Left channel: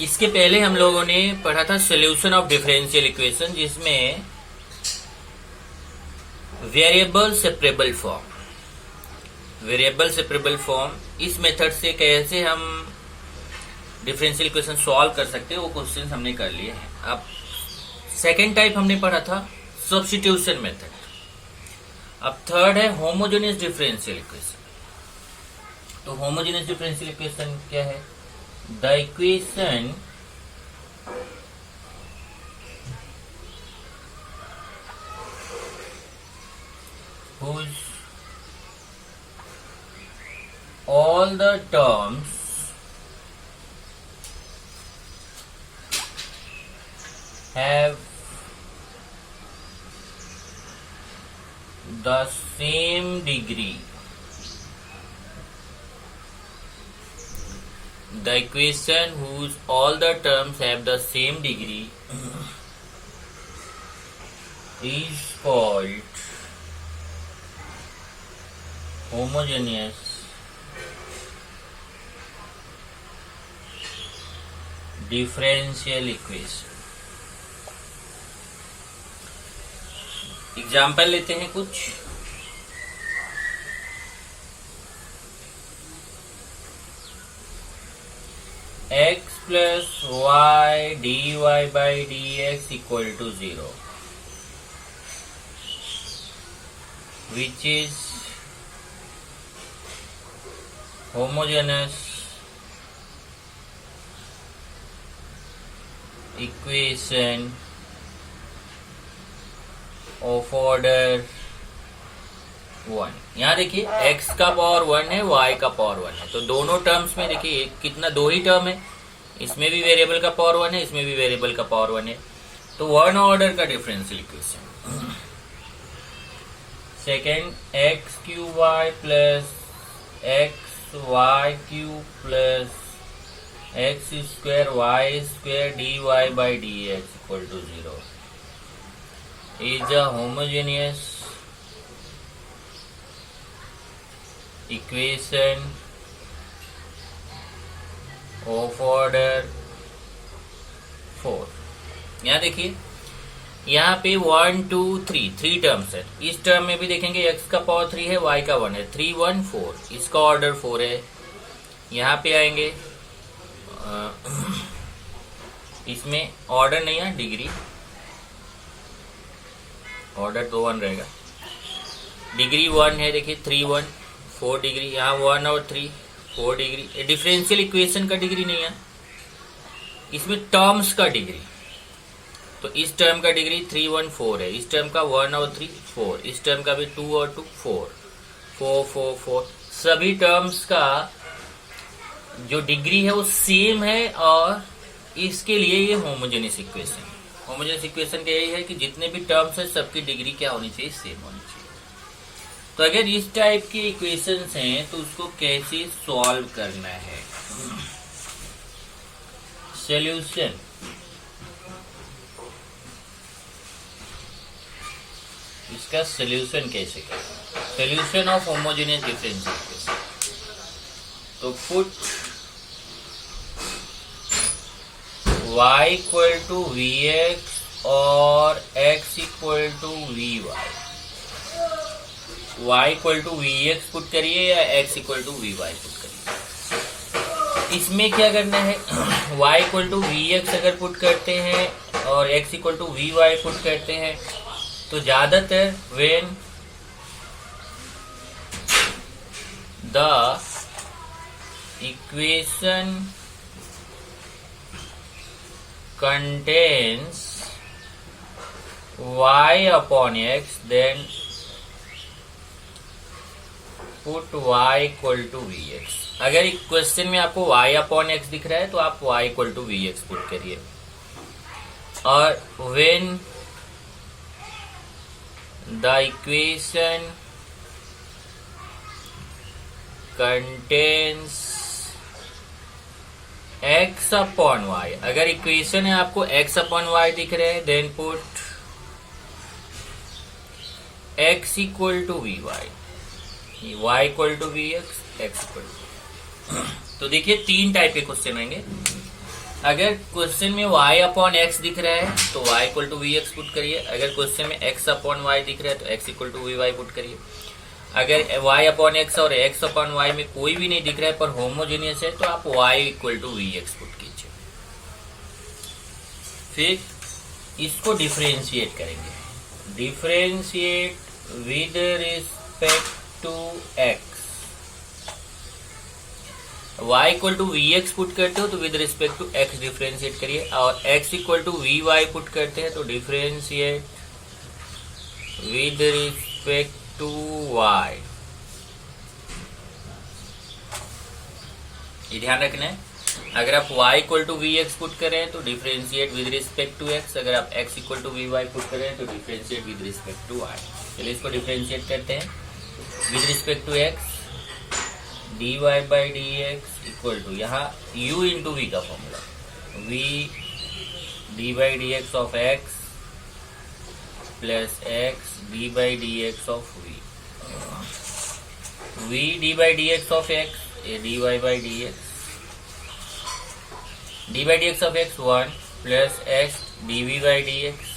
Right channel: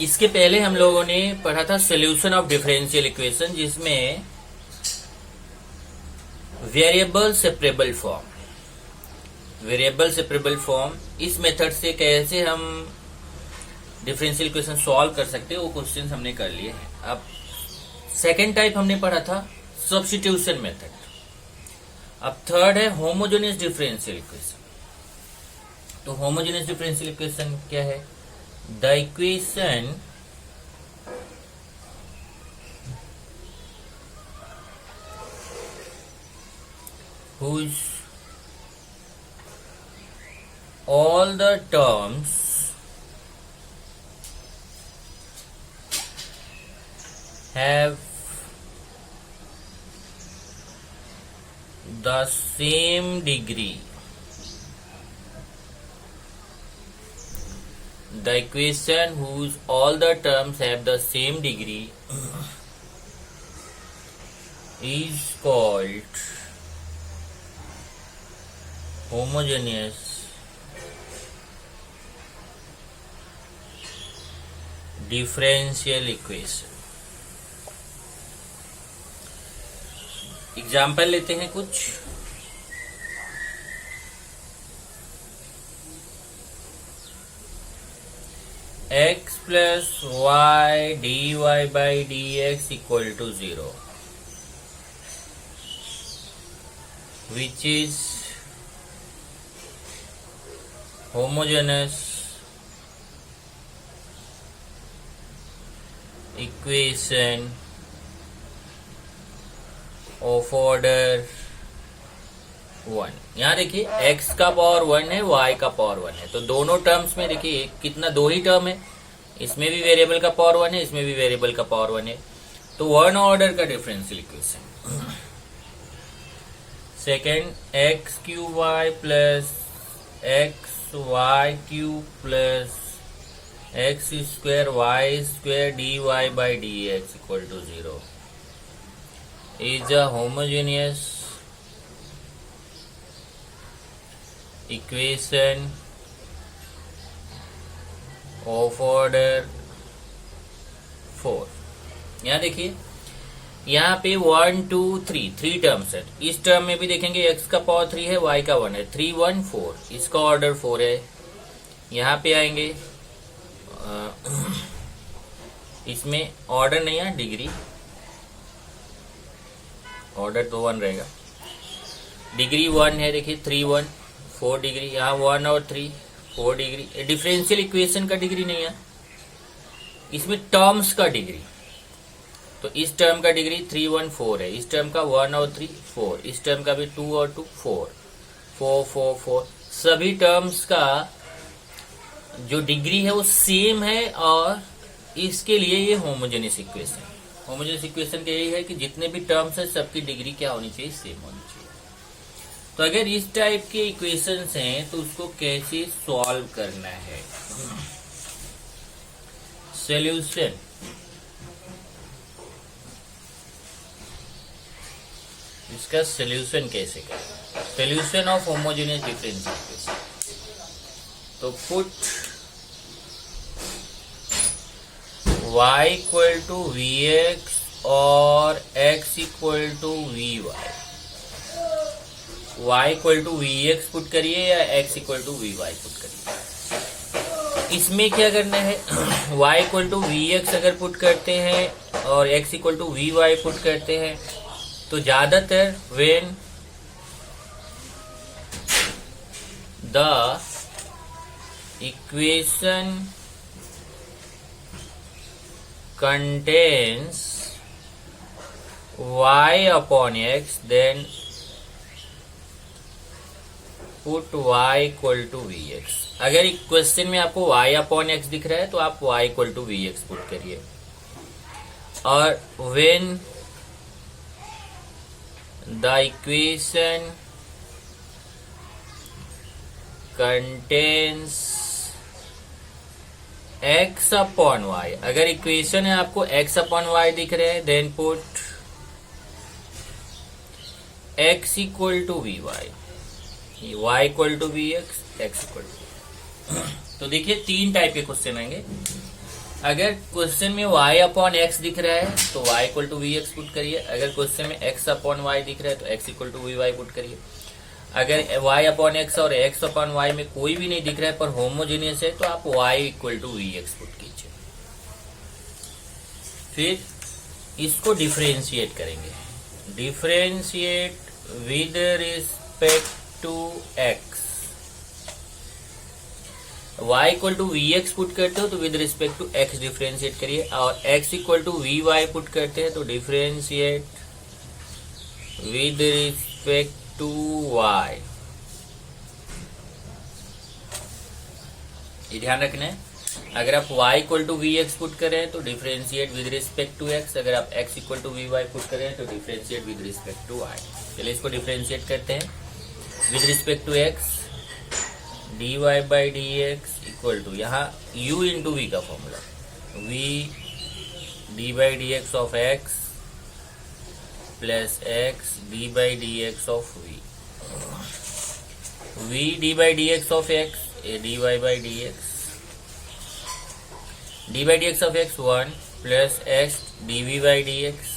इसके पहले हम लोगों ने पढ़ा था सॉल्यूशन ऑफ डिफरेंशियल इक्वेशन, जिसमें वेरिएबल सेपरेबल फॉर्म इस मेथड से कैसे हम डिफरेंशियल इक्वेशन सॉल्व कर सकते हैं, वो क्वेश्चन हमने कर लिए हैं। अब सेकेंड टाइप हमने पढ़ा था सब्स्टिट्यूशन मेथड। अब थर्ड है होमोजेनियस डिफरेंशियल इक्वेशन। तो होमोजेनियस डिफरेंशियल इक्वेशन क्या है? The equation whose all the terms have the same degree. The equation whose all the terms have the same degree is called homogeneous differential equation। Example लेते हैं कुछ। x plus y dy by dx equal to 0, which is homogeneous equation of order 1। यहाँ देखिए x का power 1 है, y का power 1 है, तो दोनों टर्म्स में देखिए कितना, दो ही टर्म है। इसमें भी वेरिएबल का पावर 1 है, इसमें भी वेरिएबल का पावर 1 है, तो वन ऑर्डर का differential equation. Second x q y plus x y q plus x square y square d y by d x equal to 0 is a homogeneous equation of order 4। यहाँ देखिए, यहाँ पे 1 2 3 3 terms है। इस term में भी देखेंगे x का पावर 3 है, y का 1 है, 3 1 4, इसका ऑर्डर 4 है। यहाँ पे आएंगे इसमें ऑर्डर नहीं है, डिग्री, ऑर्डर तो 1 रहेगा, डिग्री 1 है। देखिए 3 1 4 डिग्री, यहाँ 1 और 3 4 डिग्री। डिफरेंशियल इक्वेशन का डिग्री नहीं है, इसमें टर्म्स का डिग्री। तो इस टर्म का डिग्री 3 1 4 है, इस टर्म का 1 और 3 4, इस टर्म का भी 2 और 2 4 4 4 4। सभी टर्म्स का जो डिग्री है वो सेम है, और इसके लिए ये होमोजेनियस इक्वेशन। होमोजेनियस इक्वेशन का यही है कि जितने भी टर्म्स है सबकी डिग्री क्या होनी चाहिए, सेम होनी चाहिए। तो अगर इस टाइप के इक्वेशंस हैं तो उसको कैसे सॉल्व करना है। सॉल्यूशन, इसका सॉल्यूशन कैसे करें? Solution of homogeneous differential equation. तो put y equal to v x और x equal to v y. y equal to v x put करिए या x equal to v y put करिए। इसमें क्या करना है, y equal to v x अगर पुट करते हैं और x equal to v y put करते हैं तो ज्यादातर when the equation contains y upon x, then put y equal to vx। अगर क्वेश्चन में आपको y upon x दिख रहा है तो आप y equal to vx put करिए। और when the equation contains x upon y, अगर इक्वेशन है आपको x अपॉन y दिख रहे हैं, then put x equal to v y, y equal to v x, x equal to. तो देखिए 3 टाइप के क्वेश्चन आएंगे। अगर क्वेश्चन में y अपॉन एक्स दिख रहा है तो y equal to v x put करिए। अगर क्वेश्चन में x अपॉन वाई दिख रहा है तो x equal to v y put करिए। अगर y अपॉन एक्स और x अपॉन वाई में कोई भी नहीं दिख रहा है पर होमोजीनियस है तो आप y equal to v x put कीजिए। फिर इसको डिफरेंशिएट करेंगे। Differentiate with respect to x। y equal to v x put करते हो तो with respect to x differentiate करिए, और x equal to v y put करते हैं तो differentiate with respect to y। ये ध्यान रखना है। अगर आप y equal to v x put करें तो differentiate with respect to x। अगर आप x equal to v y put करें तो differentiate with respect to y। चलिए इसको डिफरेंशिएट करते हैं। With respect to x dy by d x equal to, यहाँ u इंटू वी का formula, v d by d x of x plus x d by d x of v d by d x of x a d y by d x, d by d x of x 1 plus x D v by d x,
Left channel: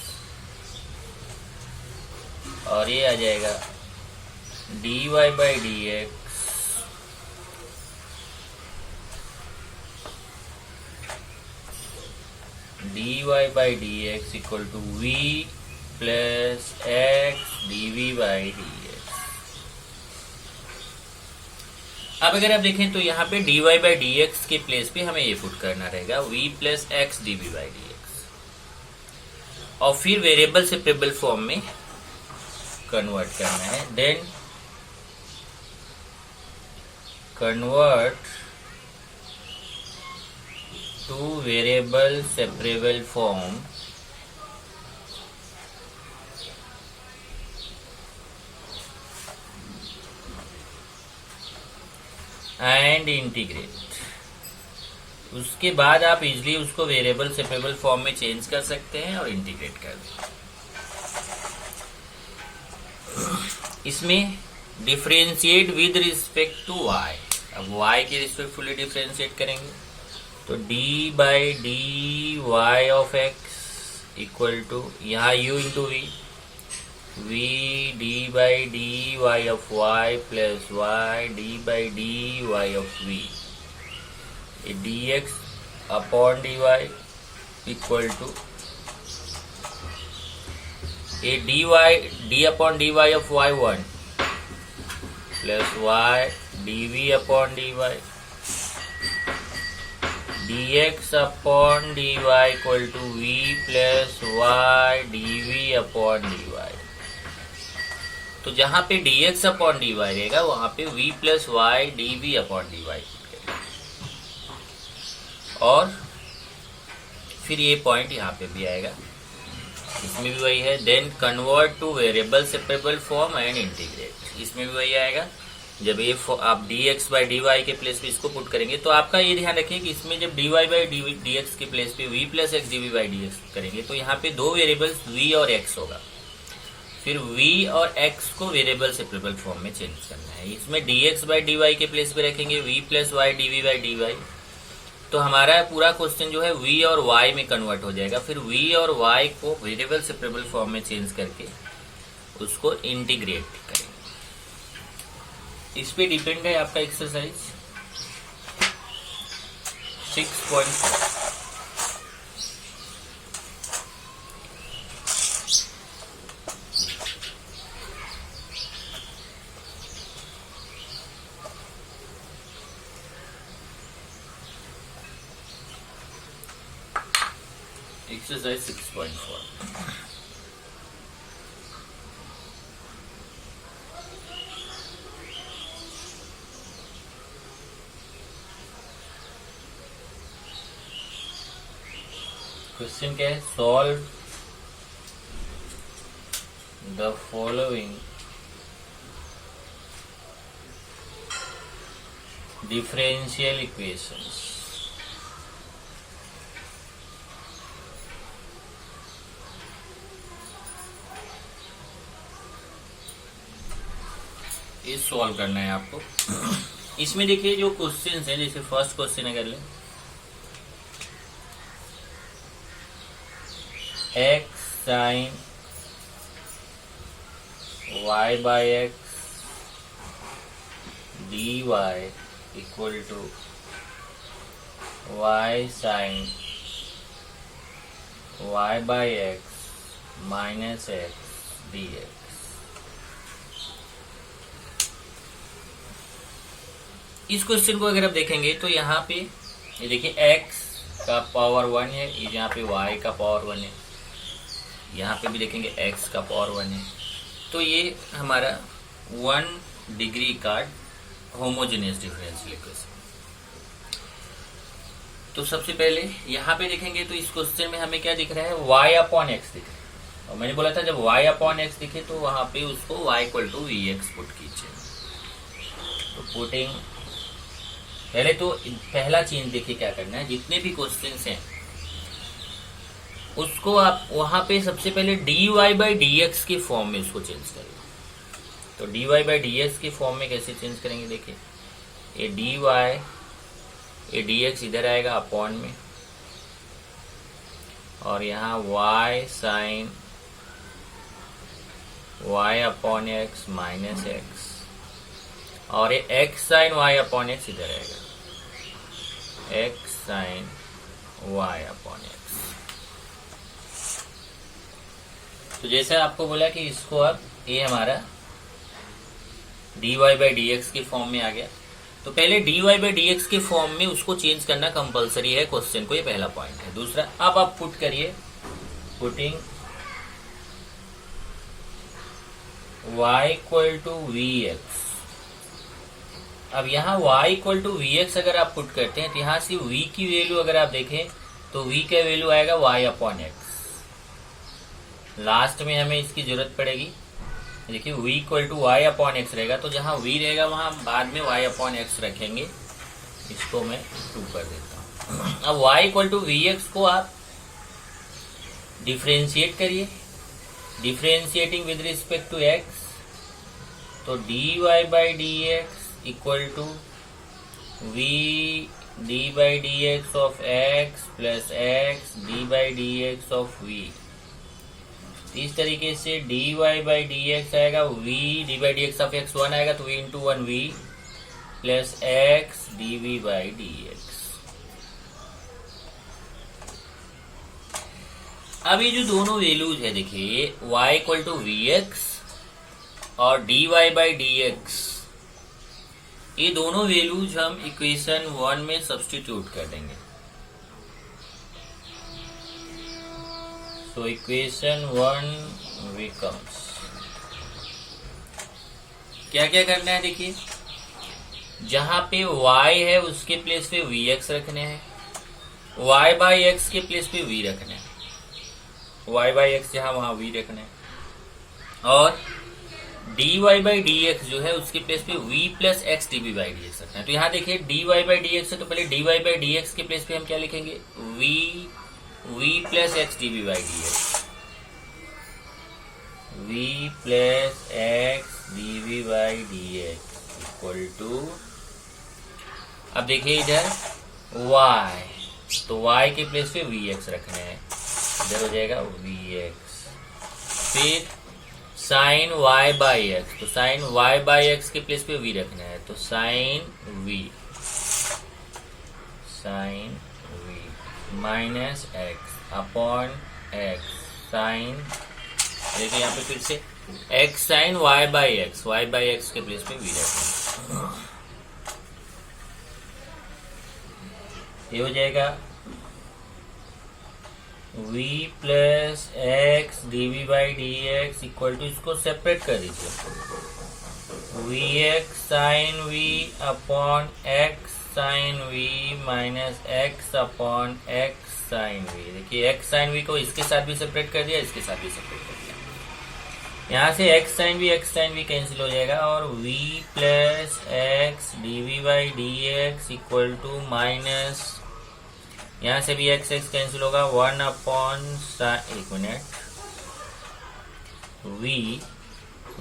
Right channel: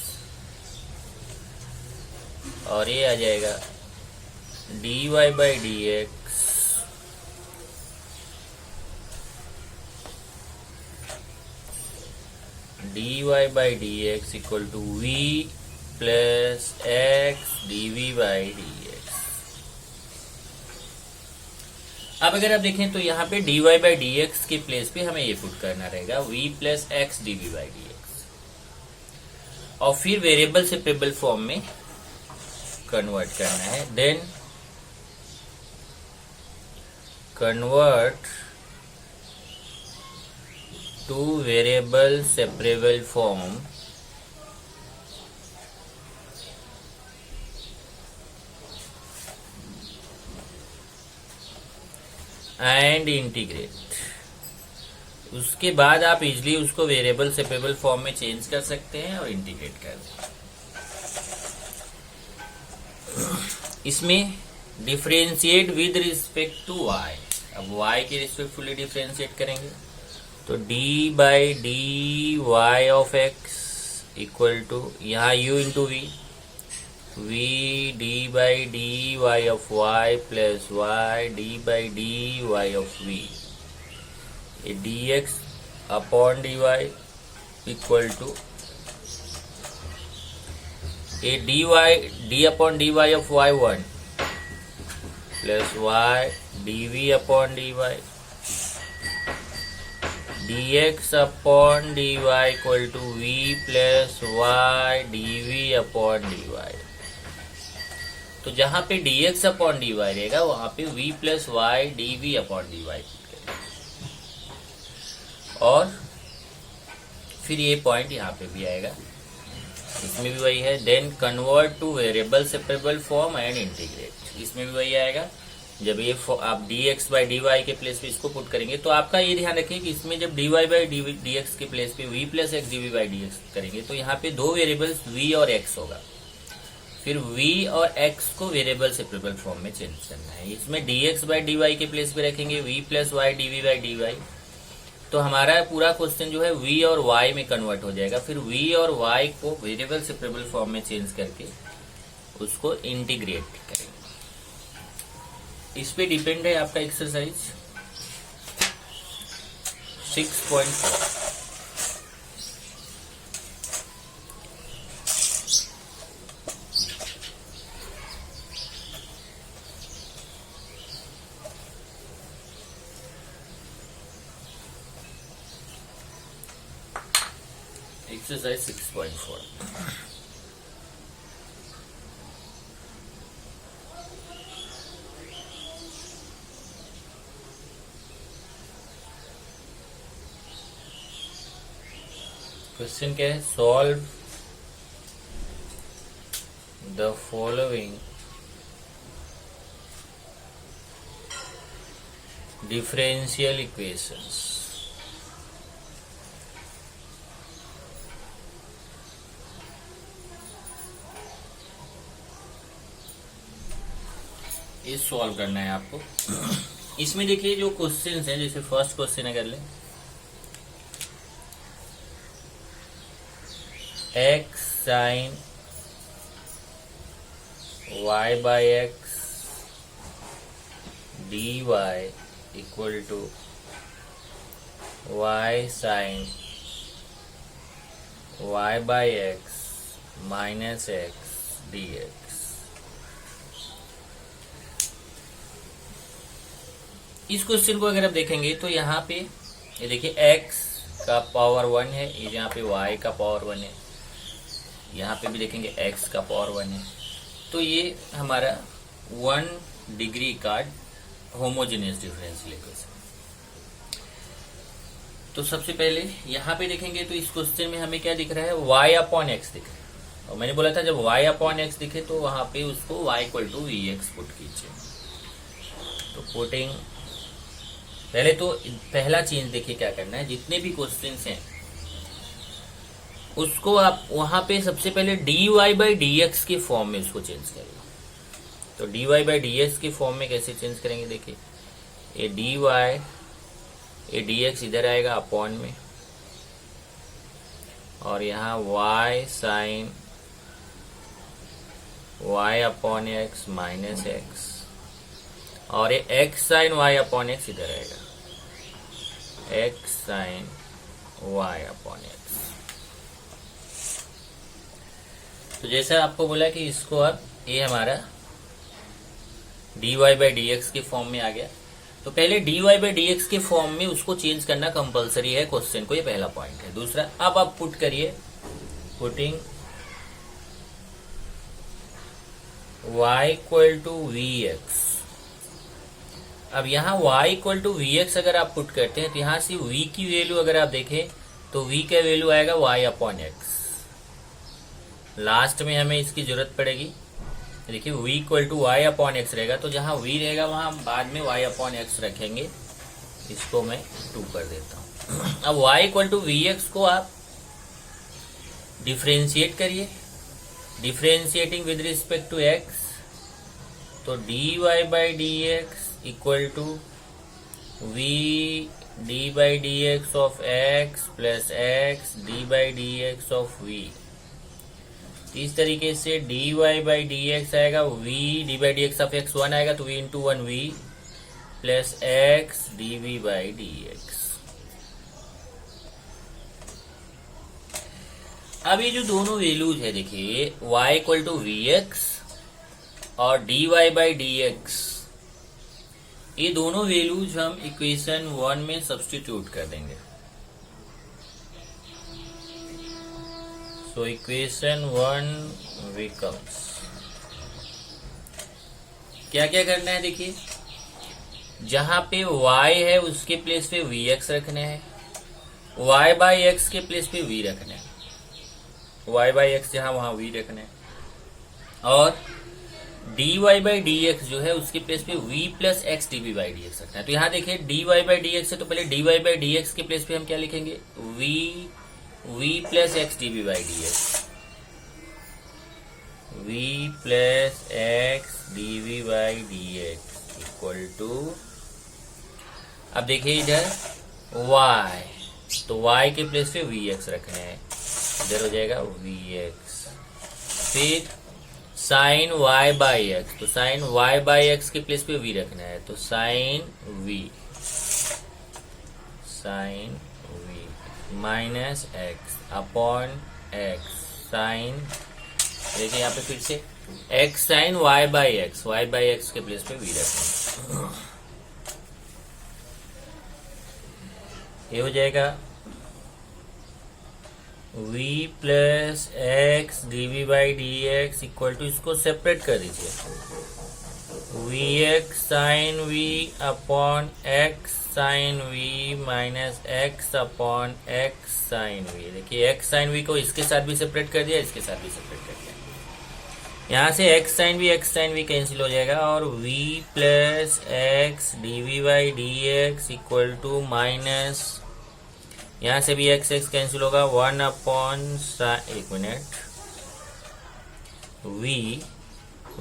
और ये आ जाएगा d y by d x d y by d x equal to v plus x d v by d x. अब अगर आप देखें तो यहाँ पे d y by d x के प्लेस पे हमें ये पुट करना रहेगा v plus x d v by d x, और फिर वेरिएबल सेपरेबल फॉर्म में कन्वर्ट करना है। Then convert to variable separable form and integrate। उसके बाद आप इजिली उसको वेरिएबल सेपरेबल फॉर्म में चेंज कर सकते हैं और इंटीग्रेट कर दें। इसमें differentiate with respect to y। अब y के रिस्पेक्टफुली डिफरेंशिएट करेंगे तो d by d y of x equal to, यहाँ u into v, v d by d y of y plus y d by d y of v, d x upon d y equal to a d y d upon d y of y 1 plus y d v upon d y, dx upon dy equal to v plus y dv upon dy। तो जहां पे dx upon dy रहेगा वहां पे v plus y dv upon dy, और फिर ये point यहाँ पे भी आएगा, इसमें भी वही है। Then convert to variable separable form and integrate, इसमें भी वही आएगा। जब ये आप dx बाई dy के प्लेस पे इसको पुट करेंगे तो आपका ये ध्यान रखिए कि इसमें जब dy बाई dx के प्लेस पे v plus x dv by dx करेंगे तो यहाँ पे दो वेरिएबल्स v और x होगा। फिर v और x को वेरिएबल सेपरेबल फॉर्म में चेंज करना है। इसमें dx बाई dy के प्लेस पे रखेंगे v plus y dv by dy, तो हमारा पूरा क्वेश्चन जो है v और y में कन्वर्ट हो जाएगा। फिर v और y को वेरिएबल सेपरेबल फॉर्म में चेंज करके उसको इंटीग्रेट करेंगे। इस पे डिपेंड है आपका एक्सरसाइज 6.4। एक्सरसाइज 6.4। क्वेश्चन क्या है? Solve the following differential equations. ये सॉल्व करना है आपको। इसमें देखिए जो क्वेश्चंस हैं, जैसे फर्स्ट क्वेश्चन अगर लें x sine y by x d y equal to y sine y by x minus x d x. इस क्वेश्चन को अगर आप देखेंगे तो यहाँ पे ये देखिए x का पावर 1 है, यहाँ पे y का पावर 1 है, यहाँ पे भी देखेंगे x का पावर 1 है। तो ये हमारा 1 डिग्री का होमोजेनियस डिफरेंशियल इक्वेशन। तो सबसे पहले यहाँ पे देखेंगे तो इस क्वेश्चन में हमें क्या दिख रहा है, y अपॉन एक्स दिख रहा है। और मैंने बोला था जब y अपॉन एक्स दिखे तो वहां पे उसको y equal to v x put कीजिए। तो पुटिंग पहले तो पहला चेंज देखिए क्या करना है, जितने भी क्वेश्चंस हैं उसको आप वहां पे सबसे पहले dy बाई dx के फॉर्म में इसको चेंज करिए। तो dy बाई dx के फॉर्म में कैसे चेंज करेंगे, देखिए ये dy ये dx इधर आएगा अपॉन में, और यहाँ y sine y upon x minus x, और ये x sine y upon x इधर आएगा, x sine y upon x. तो जैसा आपको बोला कि इसको अब ये हमारा dy बाई dx के फॉर्म में आ गया। तो पहले dy बाई dx के फॉर्म में उसको चेंज करना कंपलसरी है क्वेश्चन को, ये पहला पॉइंट है। दूसरा, अब आप पुट करिए, putting y equal to v x. अब यहाँ y equal to v x अगर आप पुट करते हैं तो यहाँ से v की वैल्यू अगर आप देखें तो v का वैल्यू आएगा y अपॉन एक्स। लास्ट में हमें इसकी जरूरत पड़ेगी, देखिए v equal to y upon x रहेगा, तो जहां v रहेगा वहां बाद में y अपॉन एक्स रखेंगे। इसको मैं 2 कर देता हूं। अब y equal to v x को आप डिफ्रेंशिएट करिए, differentiating with respect to x। तो dy by d x equal to v d by d x of x plus x d by d x of v। इस तरीके से dy by d x आएगा, v d by d x of x 1 आएगा, तो v into 1 v plus x dv by d x. अब ये जो दोनों वैल्यूज है देखिए y equal to v x और dy बाई डी एक्स, ये दोनों वैल्यूज हम इक्वेशन 1 में सब्स्टिट्यूट कर देंगे। तो इक्वेशन 1 becomes, क्या क्या करना है देखिए, जहां पे y है उसके प्लेस पे vx रखने हैं, y बाई एक्स के प्लेस पे v रखने हैं, y बाई एक्स जहां वहां v रखने हैं, और dy बाई डी एक्स जो है उसके प्लेस पे v plus x d by d x रखना है। तो यहाँ देखिए dy बाई डी एक्स है, तो पहले dy बाई डी एक्स के प्लेस पे हम क्या लिखेंगे, v plus x d by d x, v plus x d by d x equal to, अब देखिए इधर y, तो y के प्लेस पे वी एक्स रखना है, इधर हो जाएगा वी एक्स। फिर साइन y बाई एक्स, तो साइन y बाई एक्स के प्लेस पे v रखना है, तो sine v, sine v minus x upon x sine, देखिए यहाँ पे फिर से x sine y by x के प्लेस पे v रखना है। ये हो जाएगा v plus x d by d x equal to, इसको सेपरेट कर दीजिए, v x sine v upon x sine v minus x upon x sine v। देखिए एक्स साइन v को इसके साथ भी सेपरेट कर दिया, इसके साथ भी सेपरेट कर दिया। यहाँ से एक्स साइन v कैंसिल हो जाएगा, और v plus x d by d x equal to minus, यहाँ से भी एक्स एक्स कैंसिल होगा, 1 अपॉन, एक minute,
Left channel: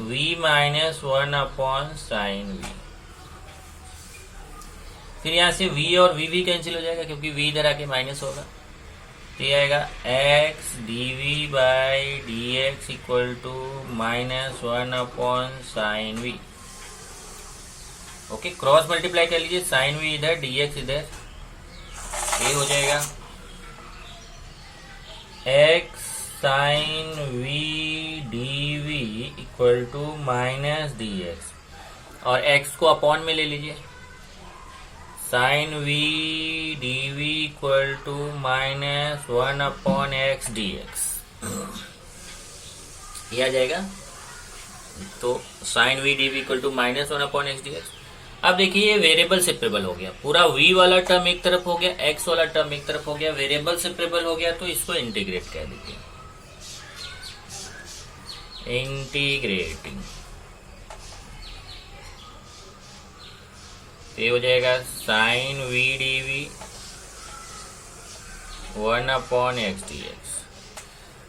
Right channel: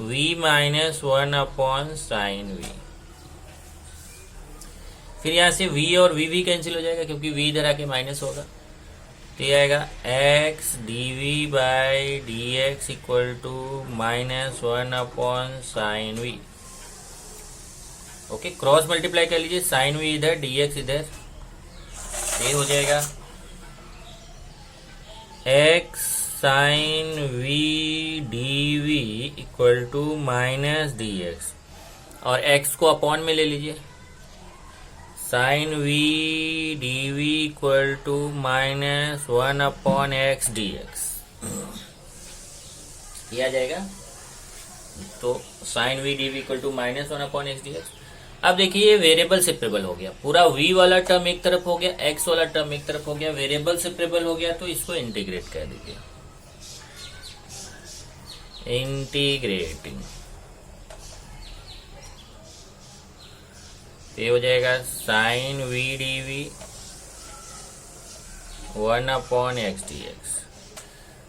v minus 1 upon sine v। फिर यहाँ से v और v कैंसिल हो जाएगा क्योंकि v इधर आके माइनस होगा, तो ये आएगा x d v by d x equal to -1/sin v। Okay, cross multiply कर लीजिए, साइन वी इधर डी एक्स इधर, ये हो जाएगा x sine v d v equal to -dx, और x को अपॉन में ले लीजिए, sine v d v equal to -1/x dx, ये आ जाएगा। तो sine v d v equal to -1/x dx। अब देखिए ये वेरिएबल सेपरेबल हो गया, पूरा v वाला टर्म एक तरफ हो गया, x वाला टर्म एक तरफ हो गया, वेरिएबल सेपरेबल हो गया, तो इसको इंटीग्रेट कर दीजिए, इंटीग्रेटिंग, ये हो जाएगा sine v d v 1/x dx।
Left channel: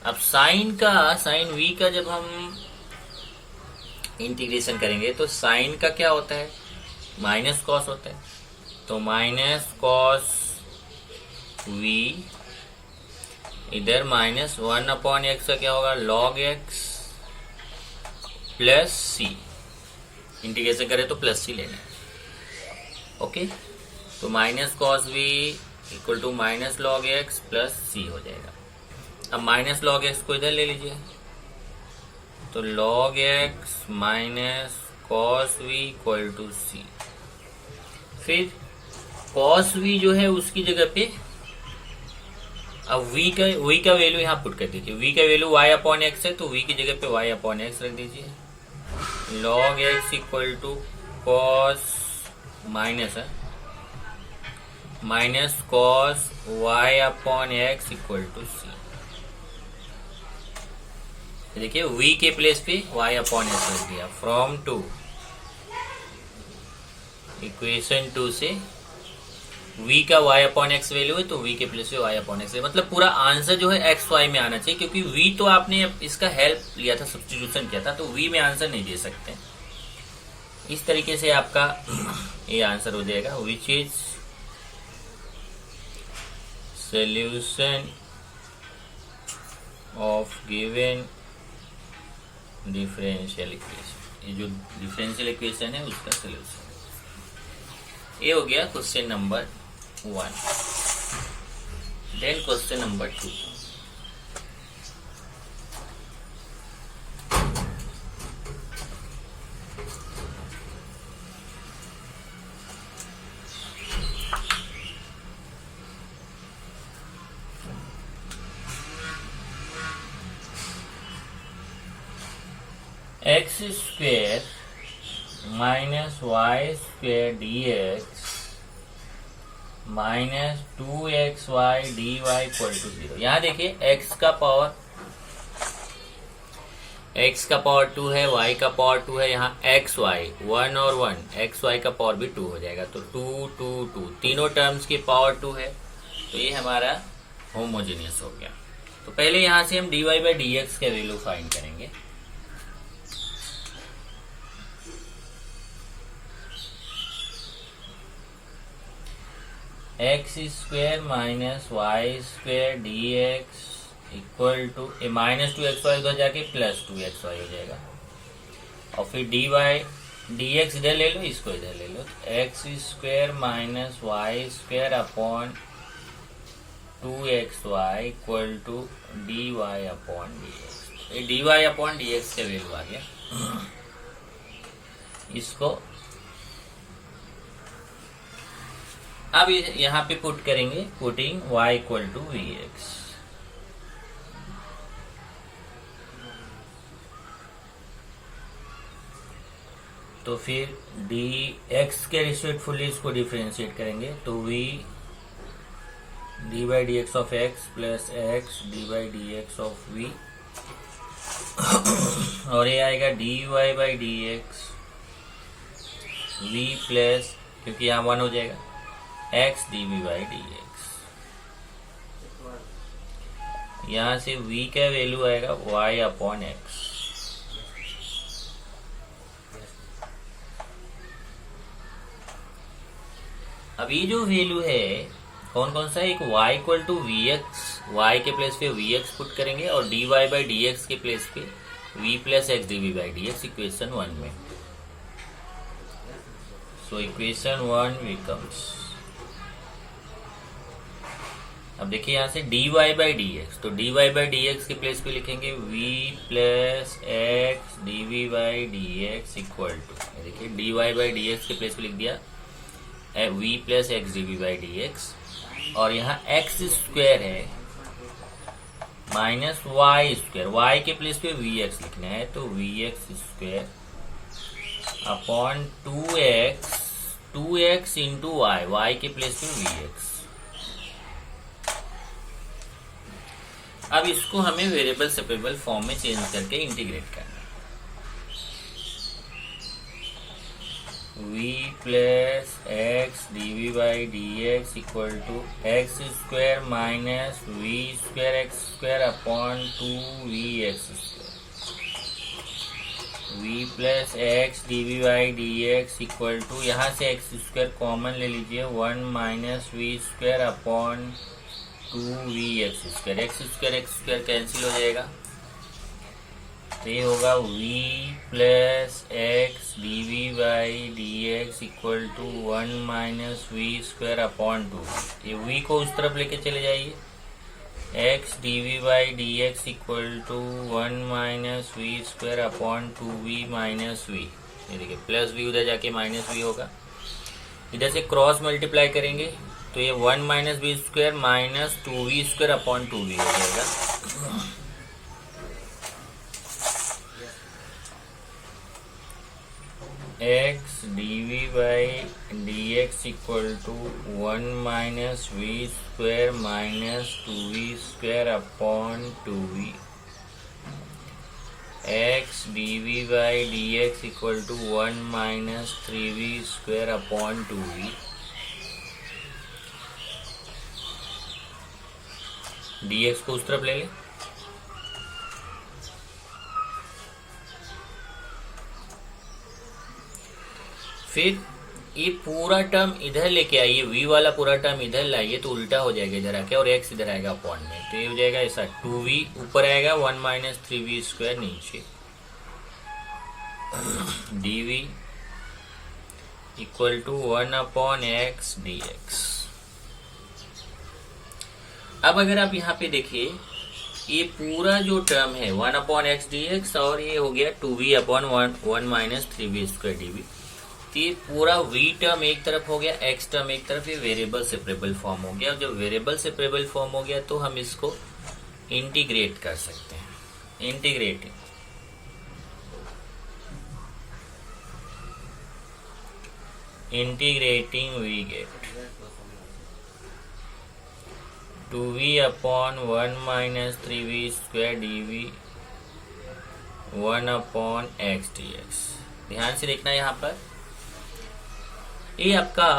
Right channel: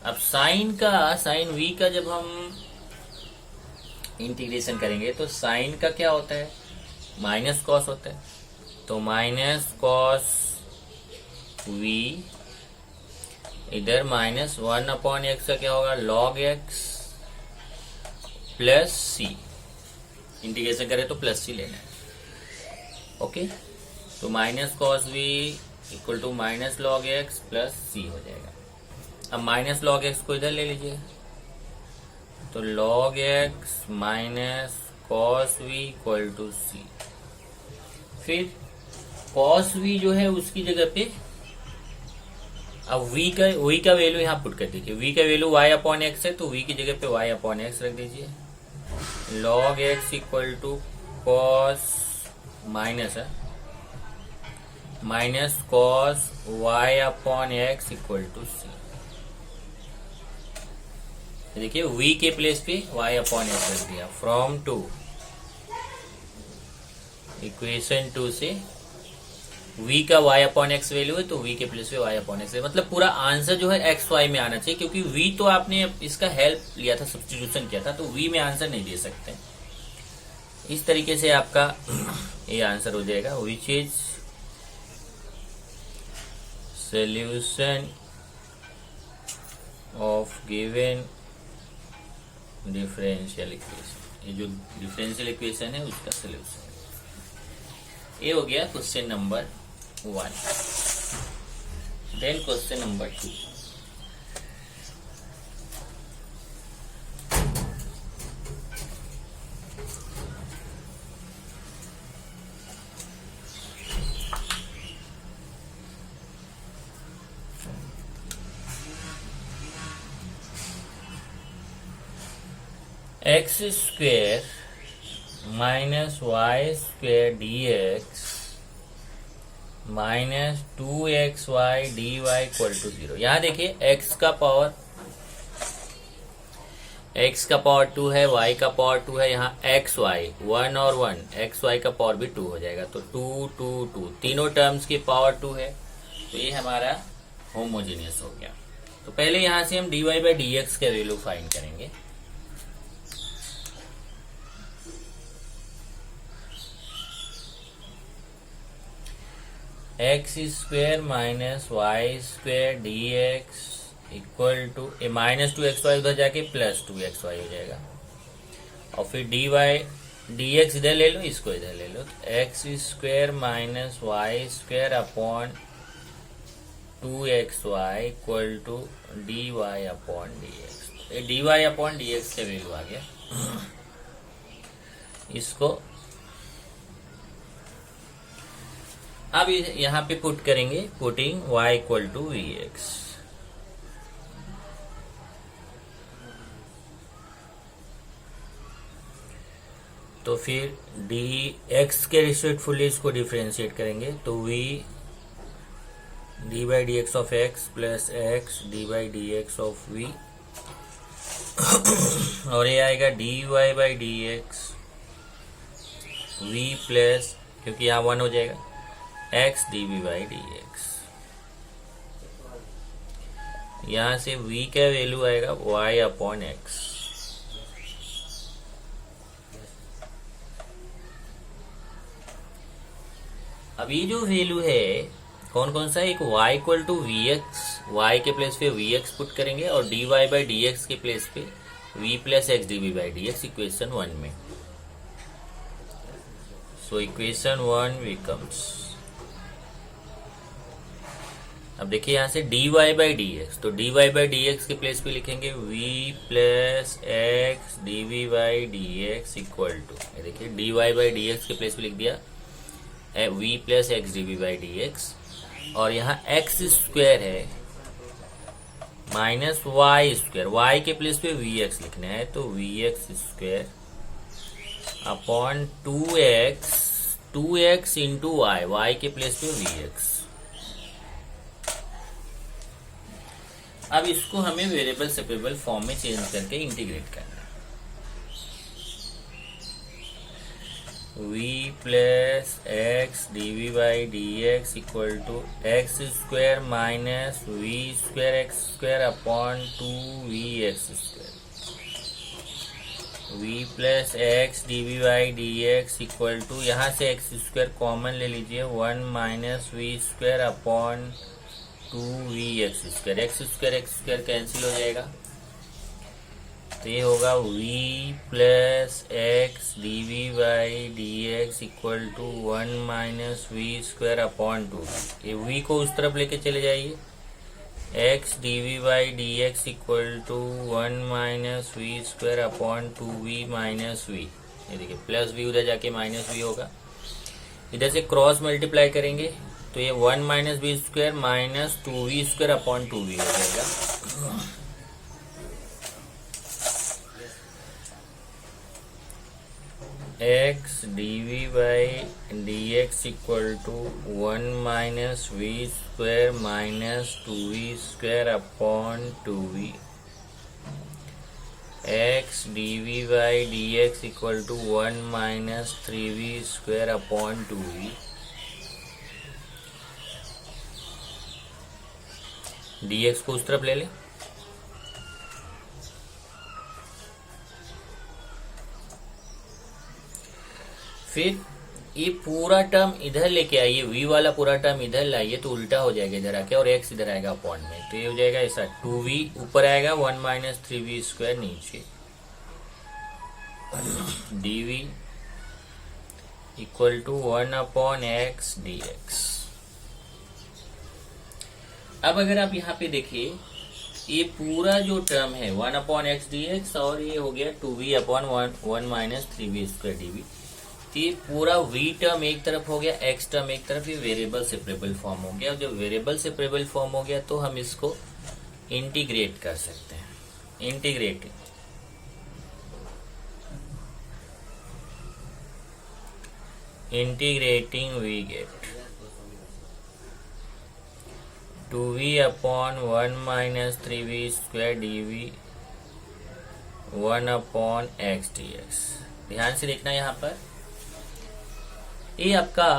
अब साइन वी का जब हम इंटीग्रेशन करेंगे तो साइन का क्या होता है, माइनस कॉस होता है, तो माइनस कॉस वी इधर -1/x का क्या होगा, log x plus c, integration करें तो प्लस सी लेना है। ओके, तो minus cos v equal to -log x plus c हो जाएगा। अब -log x को इधर ले लीजिए, तो log x minus cos v equal to c, फिर कॉस वी जो है उसकी जगह पे अब v का वैल्यू यहाँ पुट कर दीजिए, v का वैल्यू y/x है, तो v की जगह पे y/x रख दीजिए, log x equal to cos minus है minus cos y/x equal to c. देखिए v के प्लेस पे y/x रख दिया, फ्रॉम टू इक्वेशन 2 से v का y/x वैल्यू है, तो v के प्लेस पे y/x है, मतलब पूरा आंसर जो है x y में आना चाहिए, क्योंकि v तो आपने इसका हेल्प लिया था, सब्स्टिट्यूशन किया था, तो v में आंसर नहीं दे सकते। इस तरीके से आपका ये आंसर हो जाएगा, which is solution of given differential equation. ये जो डिफरेंशियल इक्वेशन है उसका सोल्यूशन। ये हो गया question number 1। Then question number 2। X square minus y square d x minus 2xy dy equal to 0। यहां देखिए x का पावर 2 है, y का पावर 2 है, यहाँ xy 1 और 1 xy का पावर भी 2 हो जाएगा, तो 2 2 2 तीनों टर्म्स की पावर 2 है, तो ये हमारा होमोजेनियस हो गया। तो पहले यहां से हम dy बाई डी एक्स का वैल्यू फाइंड करेंगे। X square minus y square d x equal to minus 2xy उधर जाके प्लस 2xy हो जाएगा, और फिर डी वाई डी एक्स इधर ले लो, इसको इधर ले लो, x square minus y square upon 2xy equal to d y upon d x. ये d y upon d x का वैल्यू आ गया। इसको अब यहां पे पुट करेंगे, putting y equal to v x. तो फिर डी एक्स के रिस्पेक्टफुली इसको डिफरेंशिएट करेंगे, तो v d by d x of x plus x d by d x of v, और ये आएगा D y by d x v plus, क्योंकि यहाँ 1 हो जाएगा, x dv by d x. यहां से v का वैल्यू आएगा y अपॉन एक्स। अब ये जो वैल्यू है कौन कौन सा है, एक y equal to v x y के प्लेस पे vx पुट करेंगे और dy बाई dx के प्लेस पे v plus x d v by dx equation 1 में। सो इक्वेशन 1 बिकम्स, अब देखिए यहां से dy बाई dx, तो dy बाई dx के प्लेस पे लिखेंगे v plus x d v by dx equal to, देखिए dy बाई dx के प्लेस पे लिख दिया v plus x d v by dx, और यहाँ एक्स स्क्वायर है माइनस वाई स्क्वायर, वाई के प्लेस पे वी एक्स लिखना है, तो v x square upon two x into y, y के प्लेस पे वी एक्स। अब इसको हमें वेरिएबल सेपरेबल फॉर्म में चेंज करके इंटीग्रेट करना है। v plus x d v by d x equal to x square minus v square x square upon 2v x square, v plus x d v by d x equal to, यहाँ से x square common ले लीजिए, 1 minus v square upon 2v x square cancel हो जाएगा, तो ये होगा v plus x d v by d x equal to 1 minus v square upon 2, ये v को उस तरफ लेके चले जाइए, x d v by d x equal to 1 minus v square upon 2v minus v, ये देखिए प्लस v उधर जाके माइनस v होगा, इधर से क्रॉस मल्टीप्लाई करेंगे तो ये 1 minus v square minus 2v square upon 2v हो जाएगा, x d v by d x equal to 1 minus v square minus 2v square upon 2v, x d v by d x equal to 1 minus 3v square upon 2v, dx को उस तरफ ले लें, फिर ये पूरा टर्म इधर लेके आइए, v वाला पूरा टर्म इधर लाइए तो उल्टा हो जाएगा इधर आके, और x इधर आएगा अपॉन में, तो ये हो जाएगा ऐसा 2v ऊपर आएगा 1 माइनस 3v स्क्वायर नीचे, dv equal to 1 upon x d x. अब अगर आप यहाँ पे देखिए ये पूरा जो टर्म है 1 अपॉन एक्स डी एक्स, और ये हो गया 2v upon 1 minus 3v square d v, फिर पूरा v टर्म एक तरफ हो गया, x टर्म एक तरफ, ये वेरिएबल सेपरेबल फॉर्म हो गया, और जब वेरिएबल सेपरेबल फॉर्म हो गया तो हम इसको इंटीग्रेट कर सकते हैं, integrating we get 2v upon 1 minus 3v square dv 1 upon x d x. ध्यान से देखना यहाँ पर, ये आपका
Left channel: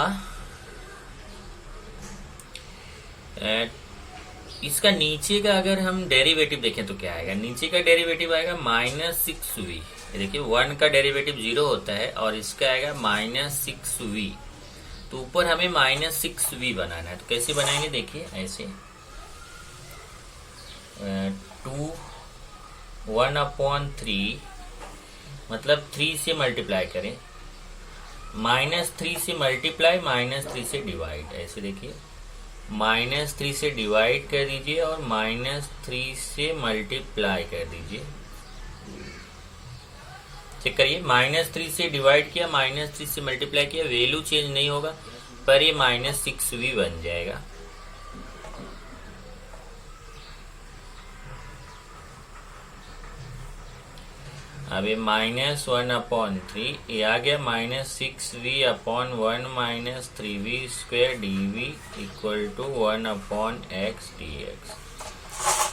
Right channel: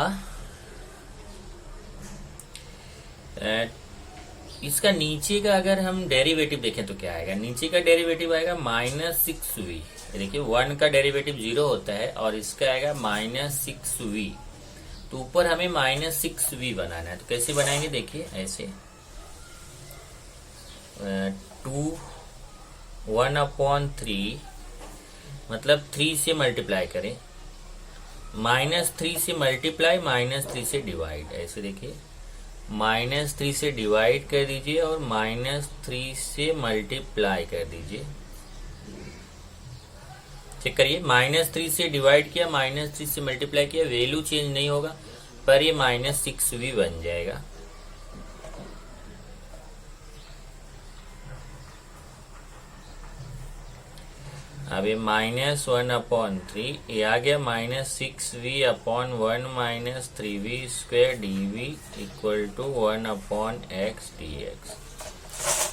इसका नीचे का अगर हम डेरिवेटिव देखें तो क्या आएगा, नीचे का डेरिवेटिव आएगा माइनस 6v, देखिए 1 का डेरिवेटिव 0 होता है और इसका आएगा माइनस 6v, तो ऊपर हमें माइनस 6v बनाना है, तो कैसे बनाएंगे देखिए ऐसे 1 अपॉन 3 मतलब 3 से मल्टीप्लाई करें, माइनस 3 से मल्टीप्लाई माइनस 3 से डिवाइड, ऐसे देखिए माइनस 3 से डिवाइड कर दीजिए और माइनस 3 से मल्टीप्लाई कर दीजिए, चेक करिए माइनस 3 से डिवाइड किया माइनस 3 से मल्टीप्लाई किया, वैल्यू चेंज नहीं होगा पर ये माइनस 6v बन जाएगा। अब ये माइनस 1 अपॉन 3 ये आ गया minus 6v upon 1 minus 3v square dv equal to 1 upon x d x.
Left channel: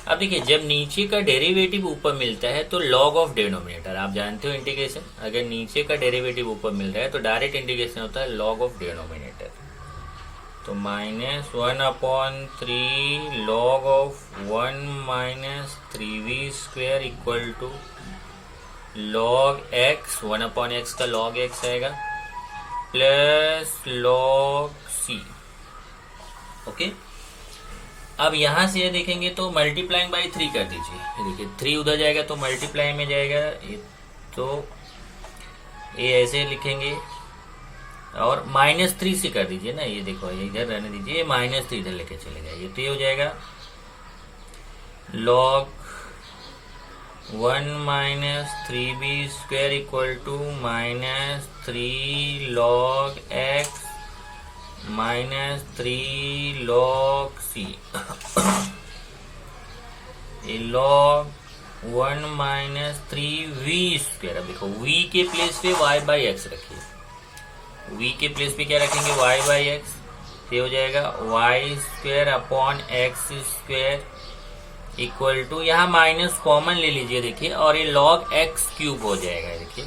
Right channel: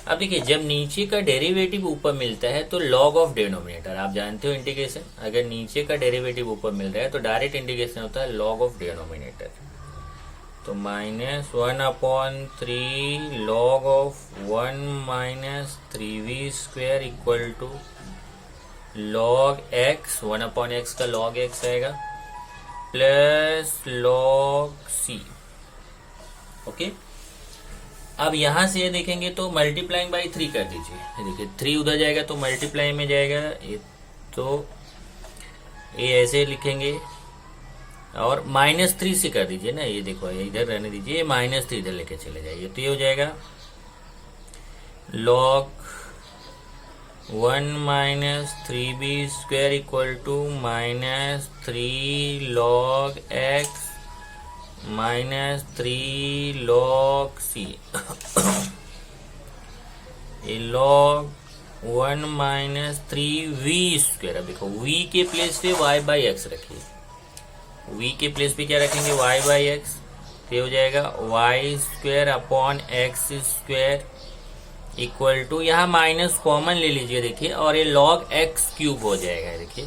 अब देखिए जब नीचे का डेरिवेटिव ऊपर मिलता है तो लॉग ऑफ डिनोमिनेटर, आप जानते हो इंटीग्रेशन, अगर नीचे का डेरिवेटिव ऊपर मिल रहा है तो डायरेक्ट इंटीग्रेशन होता है लॉग ऑफ डिनोमिनेटर, तो minus 1 upon 3 log of 1 minus 3v square equal to log x, 1 upon x का लॉग एक्स आएगा प्लस लॉग सी, ओके। अब यहां से ये देखेंगे तो मल्टीप्लाइंग बाई 3 कर दीजिए। ये देखिए 3 उधर जाएगा तो मल्टीप्लाई में जाएगा, ये तो ये ऐसे लिखेंगे और -3 से कर दीजिए ना। ये देखो ये इधर रहने दीजिए, -3 इधर लेके चले जाइए तो ये हो जाएगा log 1 - 3b square equal to -3 log x -3 log c। ये log 1 - 3v स्क्वायर। अब देखो v के प्लेस पे y/x रखिए, v के प्लेस पे क्या रखेंगे y/x, तो हो जाएगा y square upon x square equal to, यहाँ माइनस कॉमन ले लीजिए देखिए, और ये log x क्यूब हो जाएगा। देखिए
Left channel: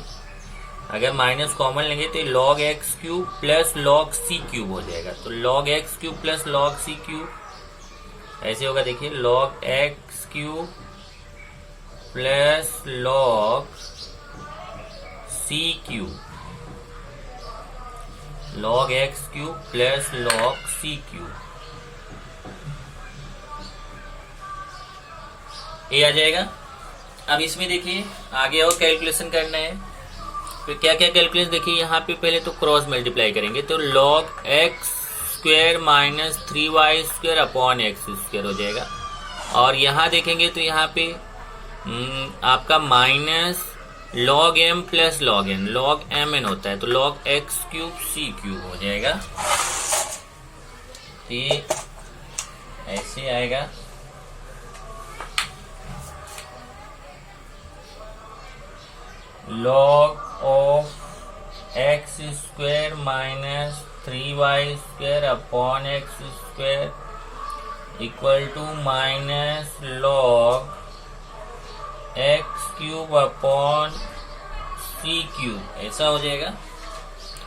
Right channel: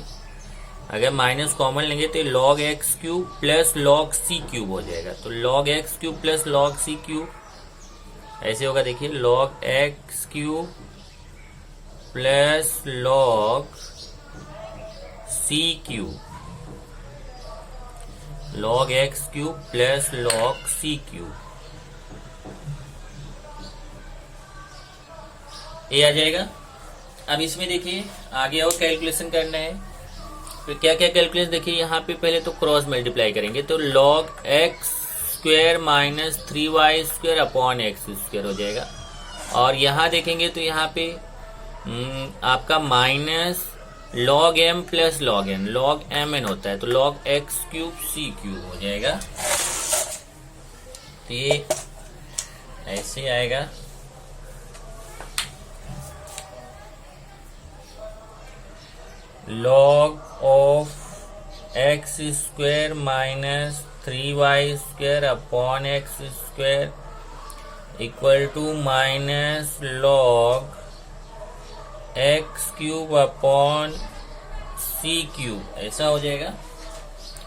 अगर माइनस कॉमन लेंगे तो ये log x cube plus log c cube हो जाएगा। तो log x cube plus log c cube ऐसे होगा। देखिए log x cube plus log c cube, log x cube plus log c cube, ये आ जाएगा। अब इसमें देखिए आगे और कैलकुलेशन करना है, तो क्या क्या कैलकुलेशन देखिए, यहाँ पे पहले तो क्रॉस मल्टीप्लाई करेंगे तो log x square -3y square upon x square हो जाएगा। और यहाँ देखेंगे तो यहाँ पे आपका minus log m plus log n, log mn होता है तो log x cube c cube हो जाएगा। ये ऐसे आएगा। log of x square -3y square upon x square equal to minus log x cube upon c cube, ऐसा हो जाएगा।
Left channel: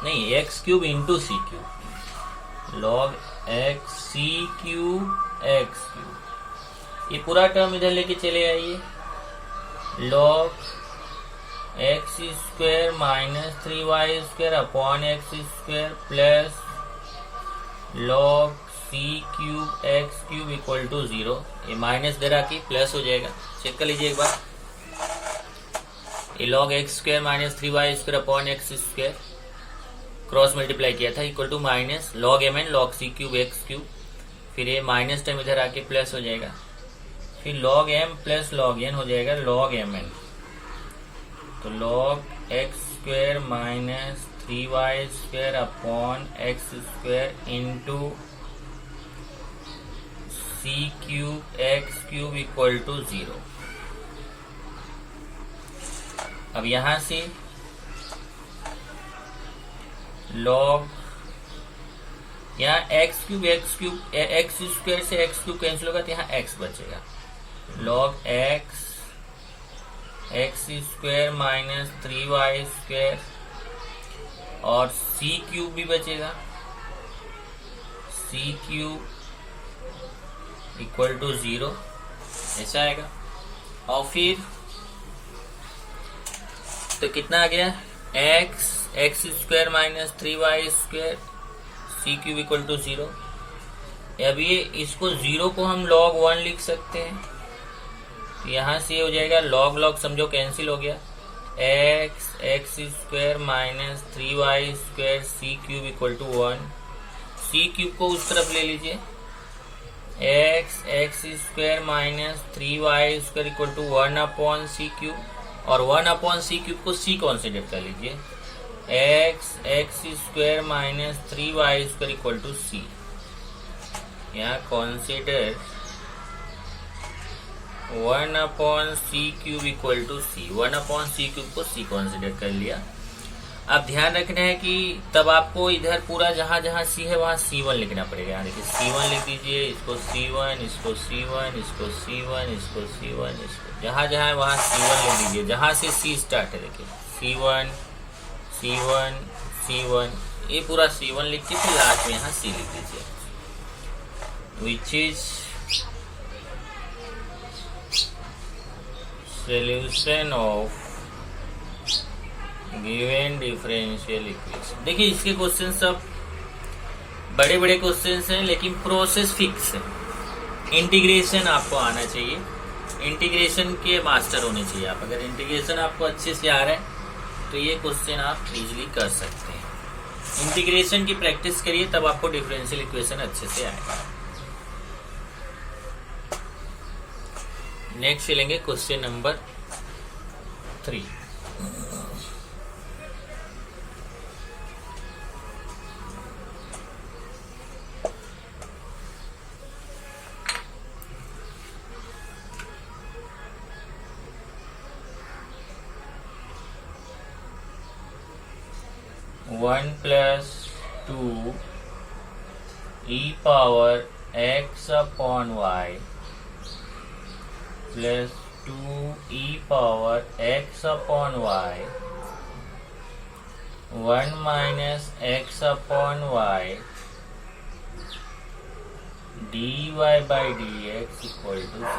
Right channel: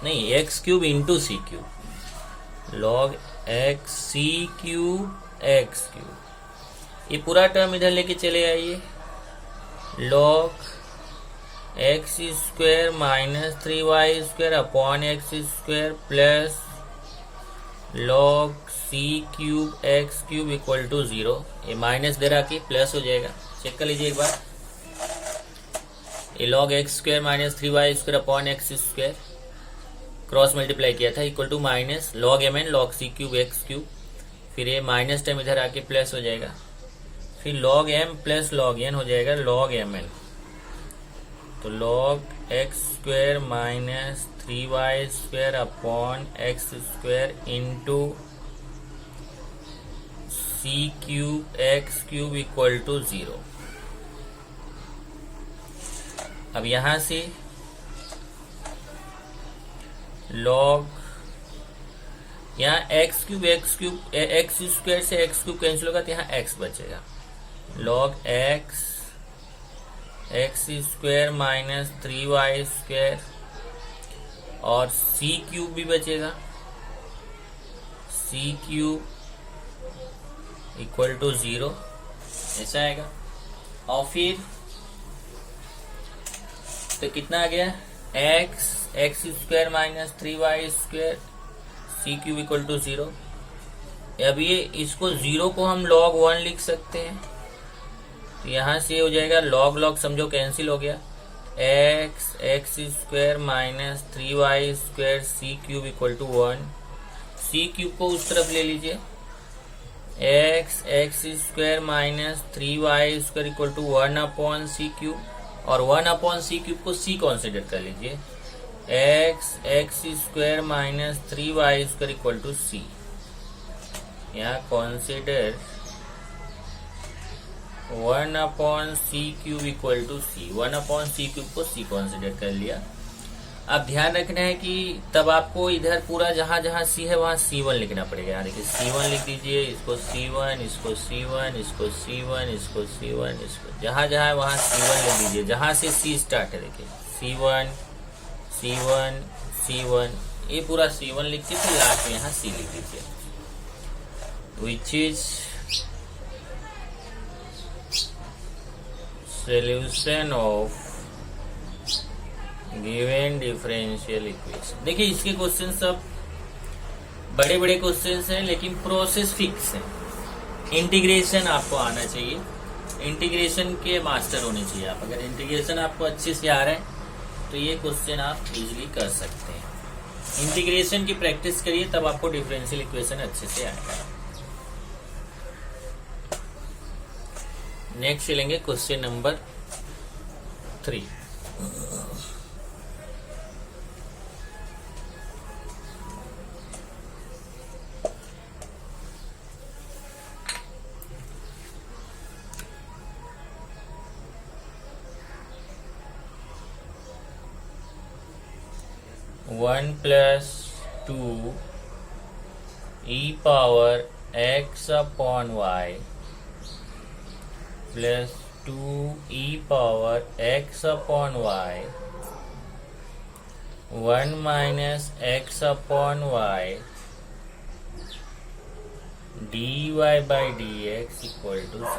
नहीं, x cube into c cube, log x c cube x cube, ये पूरा टर्म इधर लेके चले आइए। log x square -3y square upon x square plus log c cube x cube equal to 0। ये माइनस दे रहा कि प्लस हो जाएगा, चेक कर लीजिए एक बार। ये log x square -3y square upon x square cross multiply किया था equal to minus log mn log c cube x cube, फिर ये माइनस टर्म इधर आके प्लस हो जाएगा, फिर log m plus log n हो जाएगा log mn। तो log x square -3y square upon x square into c cube x cube equal to 0। अब यहां से log, यहाँ x क्यूब x स्क्वायर से x क्यूब कैंसिल होगा तो यहाँ x बचेगा। log x square -3y square और c क्यूब भी बचेगा, c क्यूब इक्वल टू 0, ऐसा आएगा। और फिर तो कितना आ गया, x square -3y square c cube equal to 0। अब ये इसको 0 को हम log 1 लिख सकते हैं, यहां से हो जाएगा log समझो कैंसिल हो गया, x square -3y square c cube equal to 1, c cube को उस तरफ ले लीजिए, x square -3y square equal to 1 upon c cube, और 1 अपॉन c क्यूब को c कंसीडर कर लीजिए, x square -3y square equal to c, यहाँ consider 1 upon c cube equal to c, 1 upon c cube को c consider कर लिया। अब ध्यान रखना है कि तब आपको इधर पूरा जहां जहां c है वहां c1 लिखना पड़ेगा। यहाँ देखिए c1 लिख दीजिए, इसको c1, इसको c1, इसको c1, इसको c1, इसको जहां जहां वहां c1 लिख दीजिए, जहां से c स्टार्ट है देखिए c1 c1 c1, ये पूरा c1 लिख के फिर लास्ट में यहाँ c लिख दीजिए, विच is solution of given differential equation। देखिए इसके क्वेश्चन सब बड़े बड़े क्वेश्चन हैं लेकिन प्रोसेस फिक्स है। इंटीग्रेशन आपको आना चाहिए, इंटीग्रेशन के मास्टर होने चाहिए आप। अगर इंटीग्रेशन आपको अच्छे से आ रहा है तो ये क्वेश्चन आप इजीली कर सकते हैं। इंटीग्रेशन की प्रैक्टिस करिए तब आपको डिफरेंशियल इक्वेशन अच्छे से आएगा। नेक्स्ट चलेंगे question number 3। One plus two e power x upon y plus 2e power x upon y 1 minus x upon y dy by dx equal to 0।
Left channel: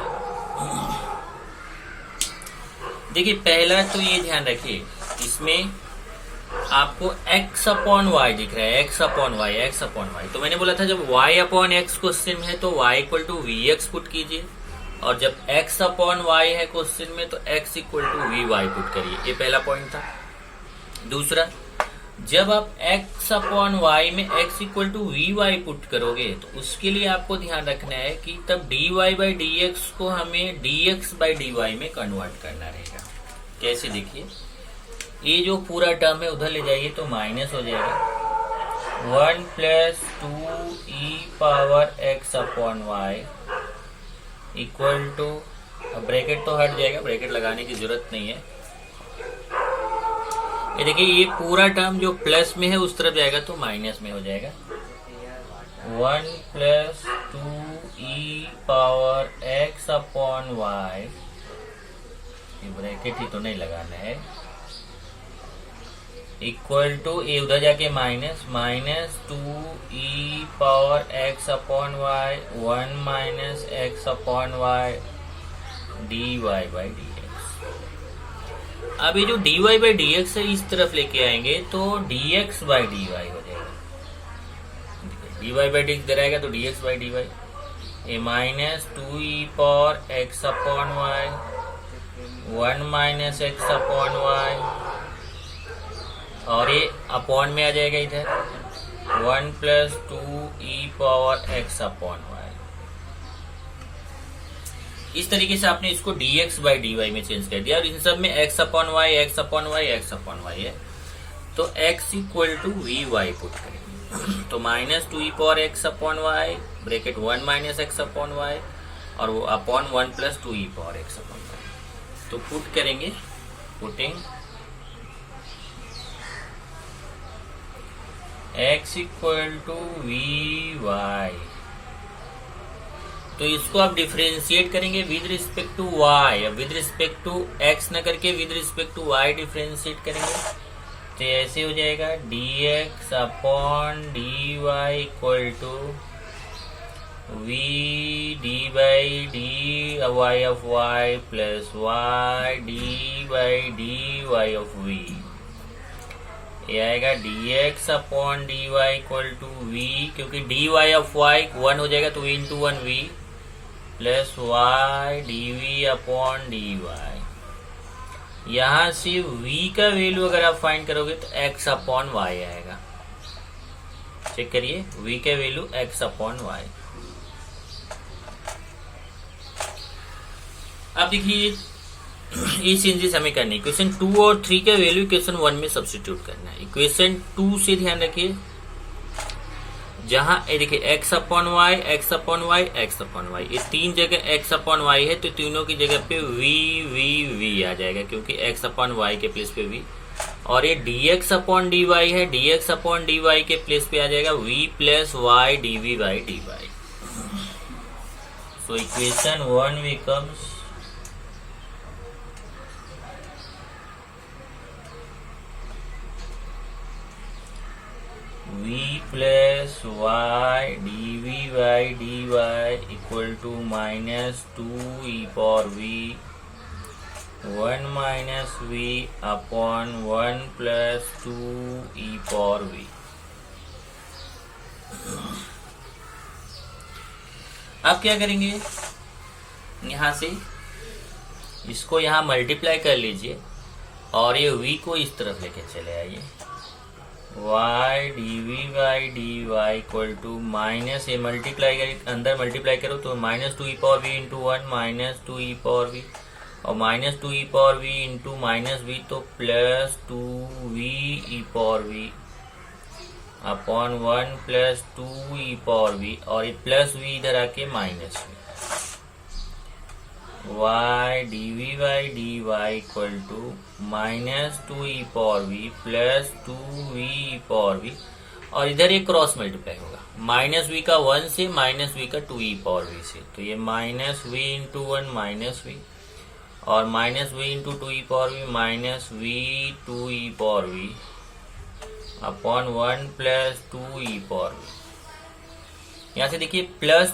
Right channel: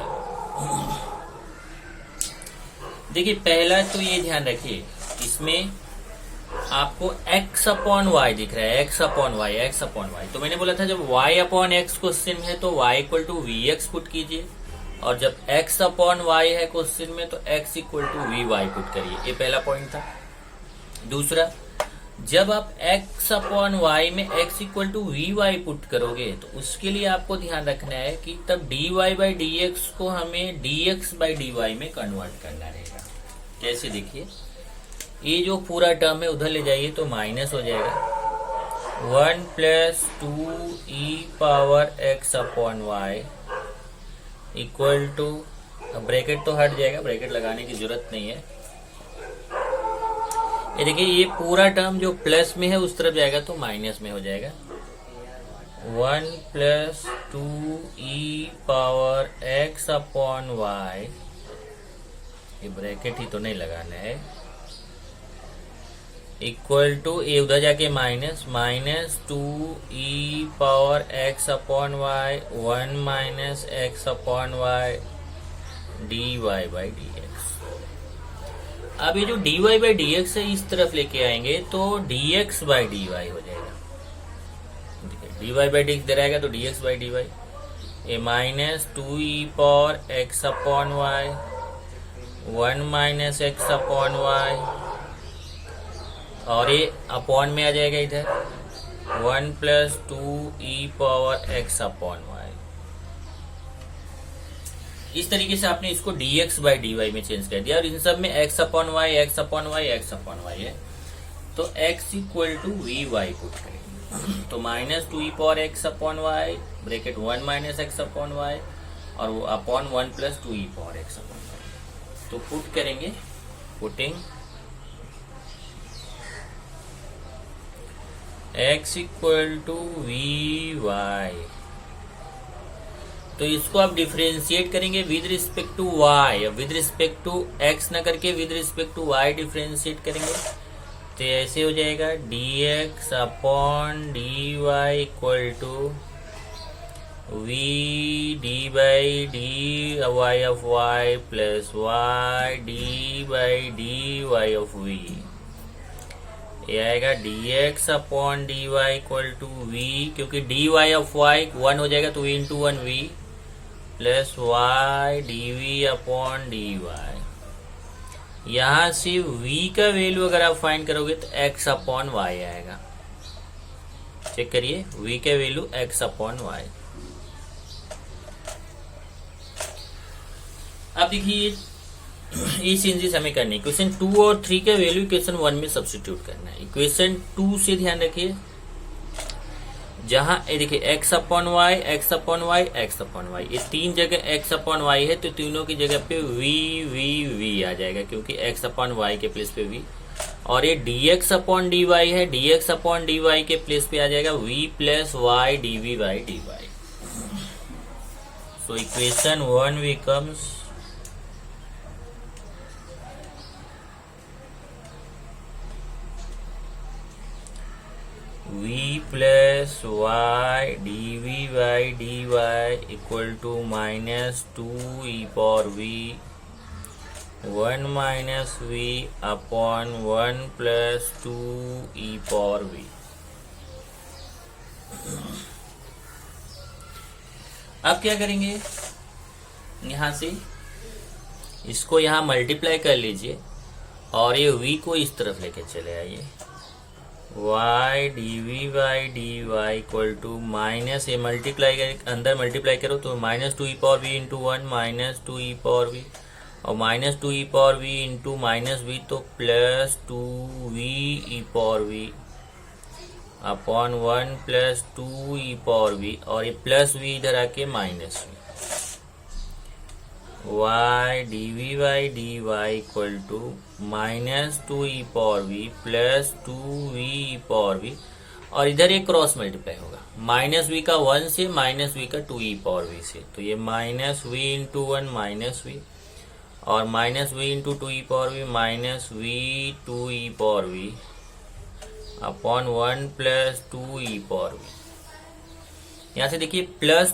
देखिए पहला तो ये ध्यान रखिए, इसमें आपको x अपॉन y दिख रहा है, x upon y, x upon y। तो मैंने बोला था जब y अपॉन x क्वेश्चन है तो y equal to vx put कीजिए, और जब x अपॉन y है क्वेश्चन में तो x equal to vy put करिए। ये पहला पॉइंट था। दूसरा, जब आप x अपॉन y में x equal to vy put करोगे तो उसके लिए आपको ध्यान रखना है कि तब dy बाई dx को हमें dx बाई dy में कन्वर्ट करना रहेगा। कैसे, देखिए ये जो पूरा टर्म है उधर ले जाइए तो माइनस हो जाएगा। 1 plus 2e power x upon y equal to, bracket तो हट जाएगा, ब्रैकेट लगाने की जरूरत नहीं है। ये देखिए ये पूरा टर्म जो प्लस में है उस तरफ जाएगा तो माइनस में हो जाएगा। 1 plus 2e power x upon y, ये ब्रैकेट ही तो नहीं लगाना है, इक्वल टू ये उधर जाके minus 2e power x upon y 1 minus x upon y dy by dx। अब ये जो dy बाई dx है इस तरफ लेके आएंगे तो dx बाई dy हो जाएगा। dy बाई dx दे रहेगा तो dx बाई dy, ये minus 2e power x upon y 1 minus x upon y, और ये अपॉन में आ जाएगा इधर 1 plus 2e power x upon y। इस तरीके से आपने इसको dx बाई dy में चेंज कर दिया, और इन सब में x upon y, x upon y, x upon y है तो x equal to vy put करेंगे। तो minus 2e power x upon y bracket 1 minus x upon y और वो upon 1 plus 2e power x upon y। तो put करेंगे, putting x equal to vy, तो इसको आप डिफरेंशिएट करेंगे with respect to y, with respect to x न करके with respect to y differentiate करेंगे तो ऐसे हो जाएगा dx upon dy equal to v d by dy of y plus y d by dy of v। ये आएगा dx upon dy equal to v, क्योंकि dy ऑफ y 1 हो जाएगा तो v into 1 v plus y dv upon dy। यहां से v का value अगर आप फाइंड करोगे तो x अपॉन y आएगा। चेक करिए v का वैल्यू x अपॉन y। अब देखिए ये चेंजेस हमें करनी है। इक्वेशन 2 और 3 का वैल्यू इक्वेशन 1 में सब्स्टिट्यूट करना है। इक्वेशन 2 से ध्यान रखिए, जहां देखिए x upon y, x upon y, x upon y, ये तीन जगह x अपॉन y है तो तीनों की जगह पे v आ जाएगा, क्योंकि x अपॉन y के प्लेस पे v। और ये dx अपॉन dy है, dx अपॉन dy के प्लेस पे आ जाएगा v plus y dv by dy। So equation 1 becomes v plus y dv by dy equal to minus 2e power v 1 minus v upon 1 plus 2e power v। अब क्या करेंगे, यहां से इसको यहां मल्टीप्लाई कर लीजिए और ये v को इस तरफ लेके चले आइए। y dv/dy equal to minus, ये मल्टीप्लाई कर, अंदर मल्टीप्लाई करो तो minus 2e⁻v into 1 minus 2e⁻v और minus 2e⁻v into minus v तो plus 2v⁻v upon 1 plus 2e⁻v और ये प्लस v इधर आके minus v। y dv/dy equal to minus 2e⁻v plus 2v⁻v और इधर ये क्रॉस मल्टीप्लाई होगा, माइनस v का 1 से माइनस v का 2e⁻v से, तो ये minus v into 1 minus v और minus v into 2e⁻v minus v 2e⁻v upon 1 plus 2e⁻v। यहाँ से देखिए प्लस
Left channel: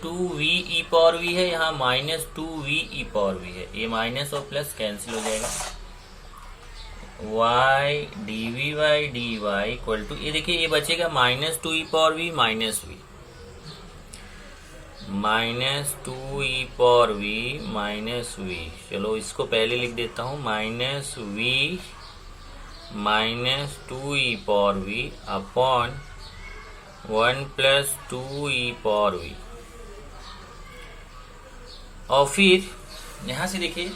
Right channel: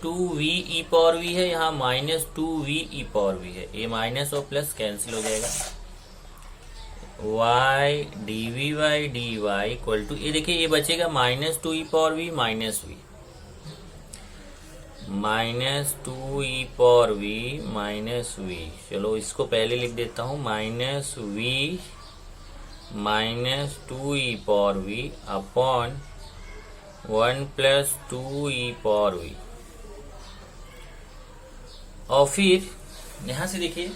2v⁻v है, यहाँ माइनस 2v⁻v है, ये माइनस और प्लस कैंसिल हो जाएगा। y dv/dy इक्वल टू, ये देखिए ये बचेगा minus 2e⁻v minus v, minus 2e⁻v minus v। चलो इसको पहले लिख देता हूँ, minus v minus 2e⁻v upon 1 plus 2e⁻v और फिर यहां से देखिए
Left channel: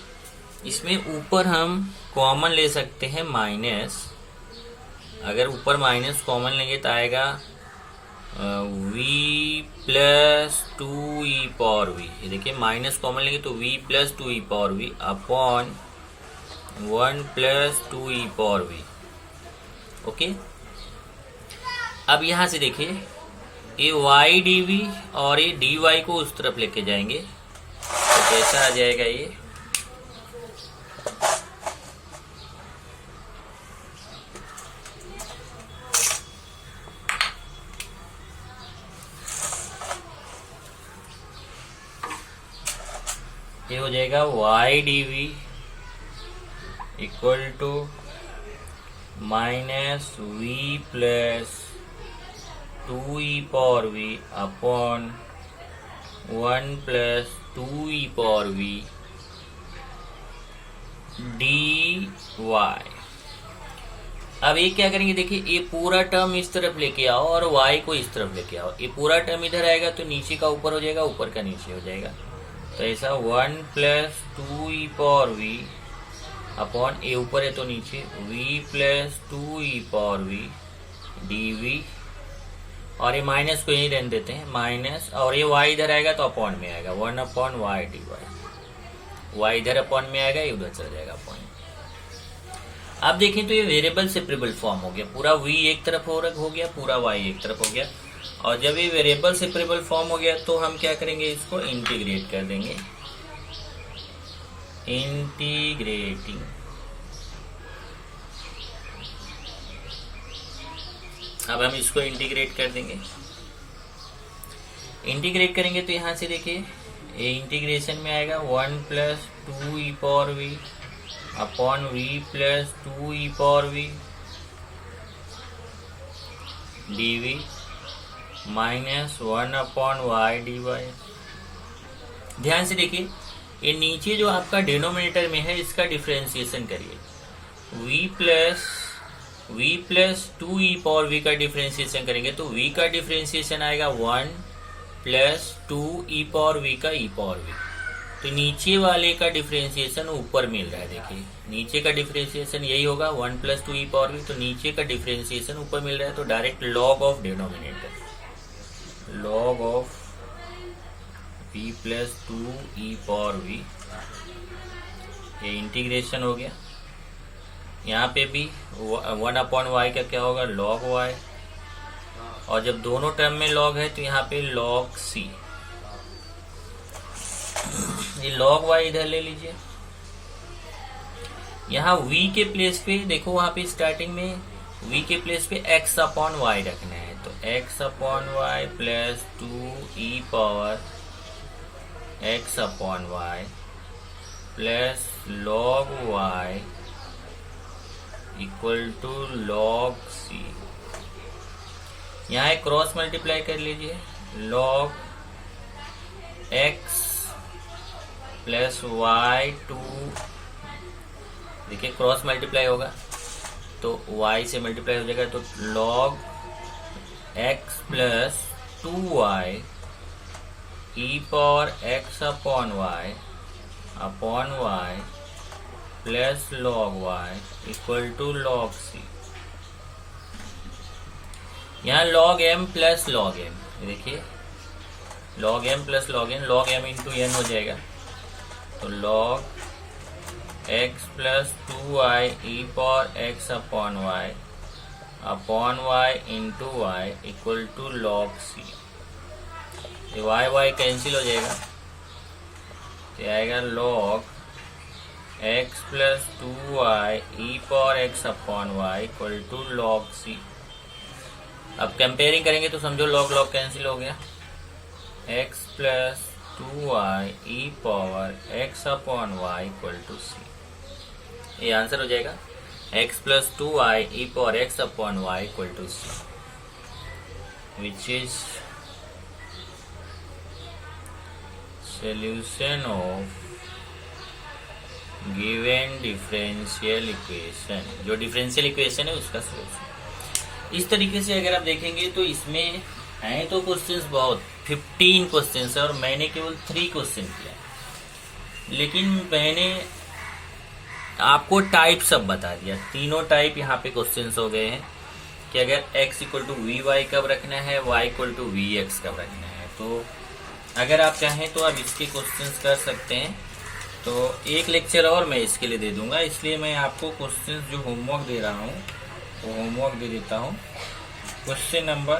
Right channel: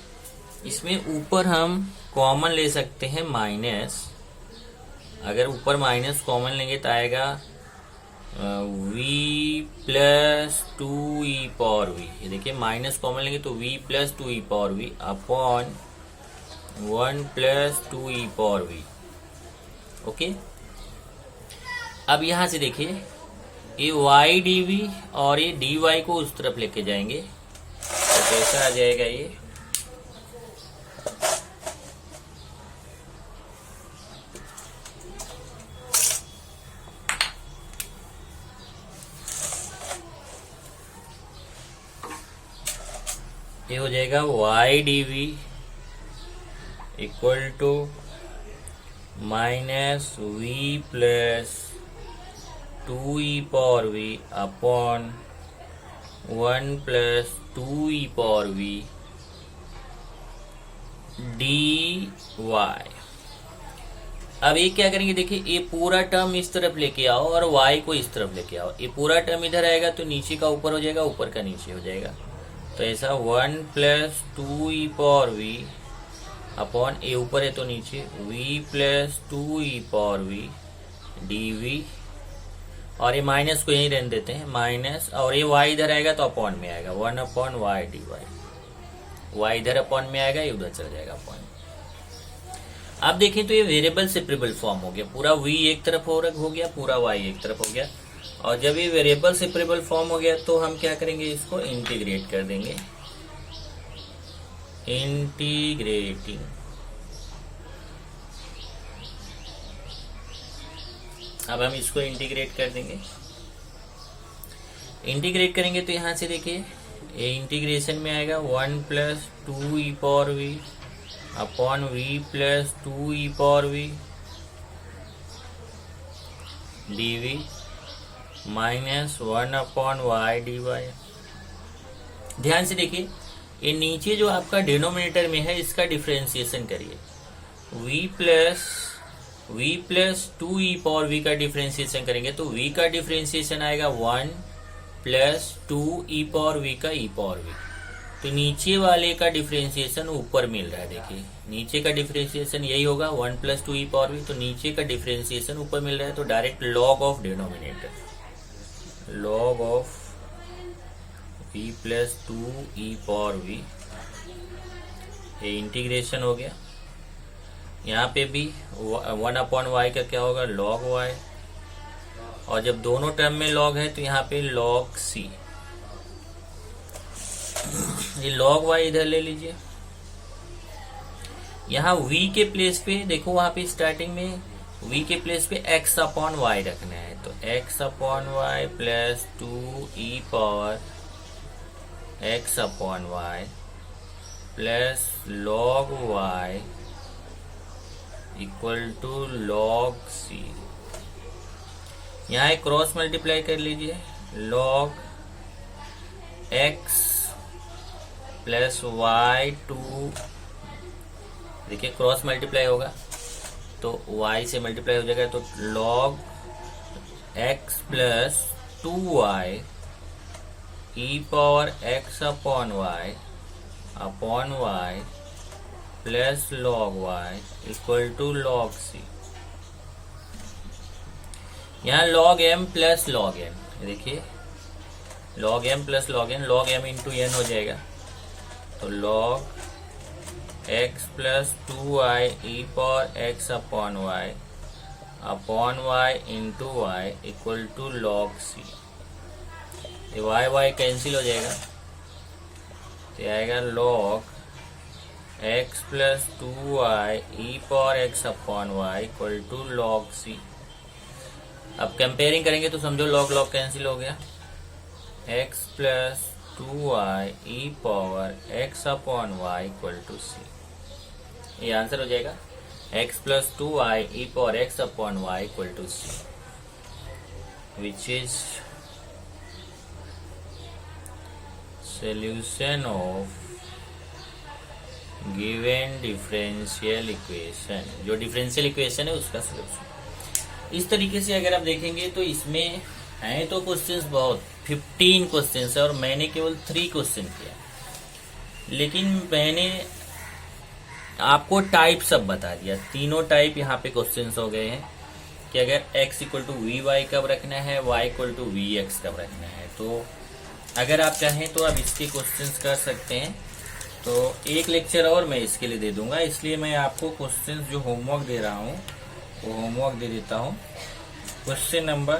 इसमें ऊपर हम कॉमन ले सकते हैं माइनस, अगर ऊपर माइनस कॉमन लेंगे तो आएगा v प्लस 2e⁻v। ये देखिए माइनस कॉमन लेंगे तो v plus 2e⁻v upon 1 plus 2e⁻v। Okay, अब यहां से देखिए ये y dv और ये dy को उस तरफ लेके जाएंगे तो कैसा आ जाएगा, ये हो जाएगा y dv equal to minus v plus 2e⁻v upon 1 plus 2e⁻v dy। अब ये क्या करेंगे, देखिए ये पूरा टर्म इस तरफ लेके आओ और y को इस तरफ लेके आओ, ये पूरा टर्म इधर आएगा तो नीचे का ऊपर हो जाएगा, ऊपर का नीचे हो जाएगा, तो ऐसा 1 प्लस 2e⁻v अपॉन, ये ऊपर है तो नीचे v प्लस 2e⁻v dv और ये माइनस को यही रहने देते हैं माइनस, और ये y इधर आएगा तो अपॉन में आएगा 1 अपॉन y dy, y इधर अपॉन में आएगा, ये उधर चला जाएगा अपॉन। अब देखें तो ये वेरिएबल सेपरेबल फॉर्म हो गया, पूरा v एक तरफ हो गया, पूरा y एक तरफ हो गया, और जब ये वेरिएबल सेपरेबल फॉर्म हो गया तो हम क्या करेंगे, इसको इंटीग्रेट कर देंगे, इंटीग्रेटिंग। अब हम इसको इंटीग्रेट कर देंगे, इंटीग्रेट करेंगे तो यहां से देखिए ये इंटीग्रेशन में आएगा 1 plus 2e⁻v upon v plus 2e⁻v dv minus 1 upon y dy। ध्यान से देखिए ये नीचे जो आपका डिनोमिनेटर में है इसका डिफरेंशिएशन करिए, v प्लस 2e⁻v का डिफरेंशिएशन करेंगे तो v का डिफरेंशिएशन आएगा 1 प्लस 2e⁻v का e⁻v, तो नीचे वाले का डिफरेंशिएशन ऊपर मिल रहा है, देखिए नीचे का डिफरेंशिएशन यही होगा 1 प्लस 2e⁻v, तो नीचे का डिफरेंशिएशन ऊपर मिल रहा है तो direct log of denominator, log of v plus 2e⁻v, ये इंटीग्रेशन हो गया। यहाँ पे भी 1 अपॉन y का क्या होगा, log y, और जब दोनों टर्म में log है तो यहाँ पे log c, ये log y इधर ले लीजिए। यहाँ v के प्लेस पे देखो, वहां पे स्टार्टिंग में v के प्लेस पे x अपॉन y रखना है, तो x upon y plus 2e power x upon y plus log y equal to log c। यहाँ एक क्रॉस मल्टीप्लाई कर लीजिए, log x plus y two, देखिए क्रॉस मल्टीप्लाई होगा तो y से मल्टीप्लाई हो जाएगा, तो log x plus 2y e power x upon y plus log y equal to log c। यहाँ log m plus log n, देखिए log m plus log m into n हो जाएगा, तो log x plus 2y e power x upon y into y equal to log c। ये y cancel हो जाएगा, तो आएगा log x plus 2y e power x upon y equal to log c। अब comparing करेंगे तो समझो log cancel हो गया, x plus 2y e power x upon y equal to c। ये आंसर हो जाएगा x plus 2y e power x upon y equal to c, which is solution of given differential equation, जो differential equation है उसका solution. इस तरीके से अगर आप देखेंगे तो इसमें हैं तो क्वेश्चंस बहुत 15 क्वेश्चंस है और मैंने केवल 3 क्वेश्चन किया, लेकिन मैंने आपको टाइप सब बता दिया। तीनों टाइप यहाँ पे क्वेश्चंस हो गए हैं कि अगर x equal to v y कब रखना है, y equal to v x कब रखना है। तो अगर आप चाहें तो आप इसके क्वेश्चंस कर सकते हैं। तो एक लेक्चर और मैं इसके लिए दे दूंगा, इसलिए मैं आपको क्वेश्चंस जो होमवर्क दे रहा हूँ वो होमवर्क दे देता हूँ। क्वेश्चन नंबर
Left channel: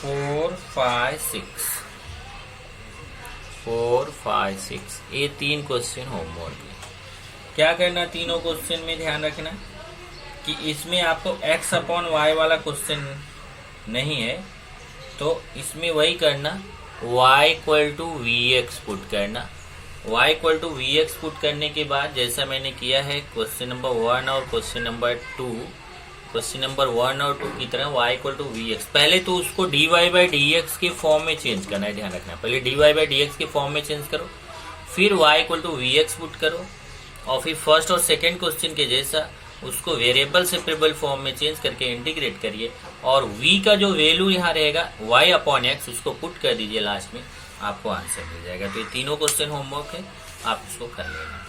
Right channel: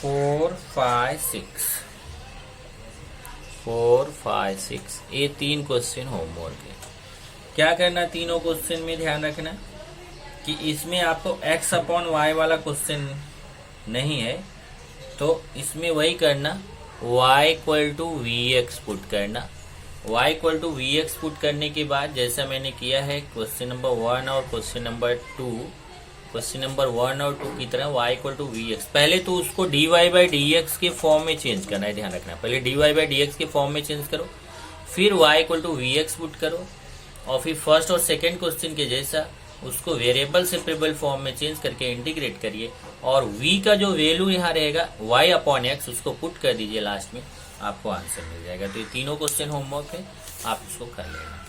4, 5, 6 ये 3 क्वेश्चन होमवर्क है। क्या करना तीनों क्वेश्चन में, ध्यान रखना कि इसमें आपको x अपॉन y वाला क्वेश्चन नहीं है, तो इसमें वही करना y equal to v x put करना। y equal to v x put करने के बाद जैसा मैंने किया है क्वेश्चन नंबर 1 और क्वेश्चन नंबर 2, क्वेश्चन नंबर 1 और 2 की तरह y equal to v x, पहले तो उसको dy बाई डी एक्स के फॉर्म में चेंज करना है, ध्यान रखना। पहले dy बाई डी एक्स के फॉर्म में चेंज करो, फिर y equal to v x put करो, और फिर फर्स्ट और सेकेंड क्वेश्चन के जैसा उसको वेरिएबल सेपरेबल फॉर्म में चेंज करके इंटीग्रेट करिए, और v का जो वैल्यू यहाँ रहेगा y अपॉन एक्स उसको पुट कर दीजिए लास्ट में, आपको आंसर मिल जाएगा। तो ये तीनों क्वेश्चन होमवर्क है, आप इसको कर लेना।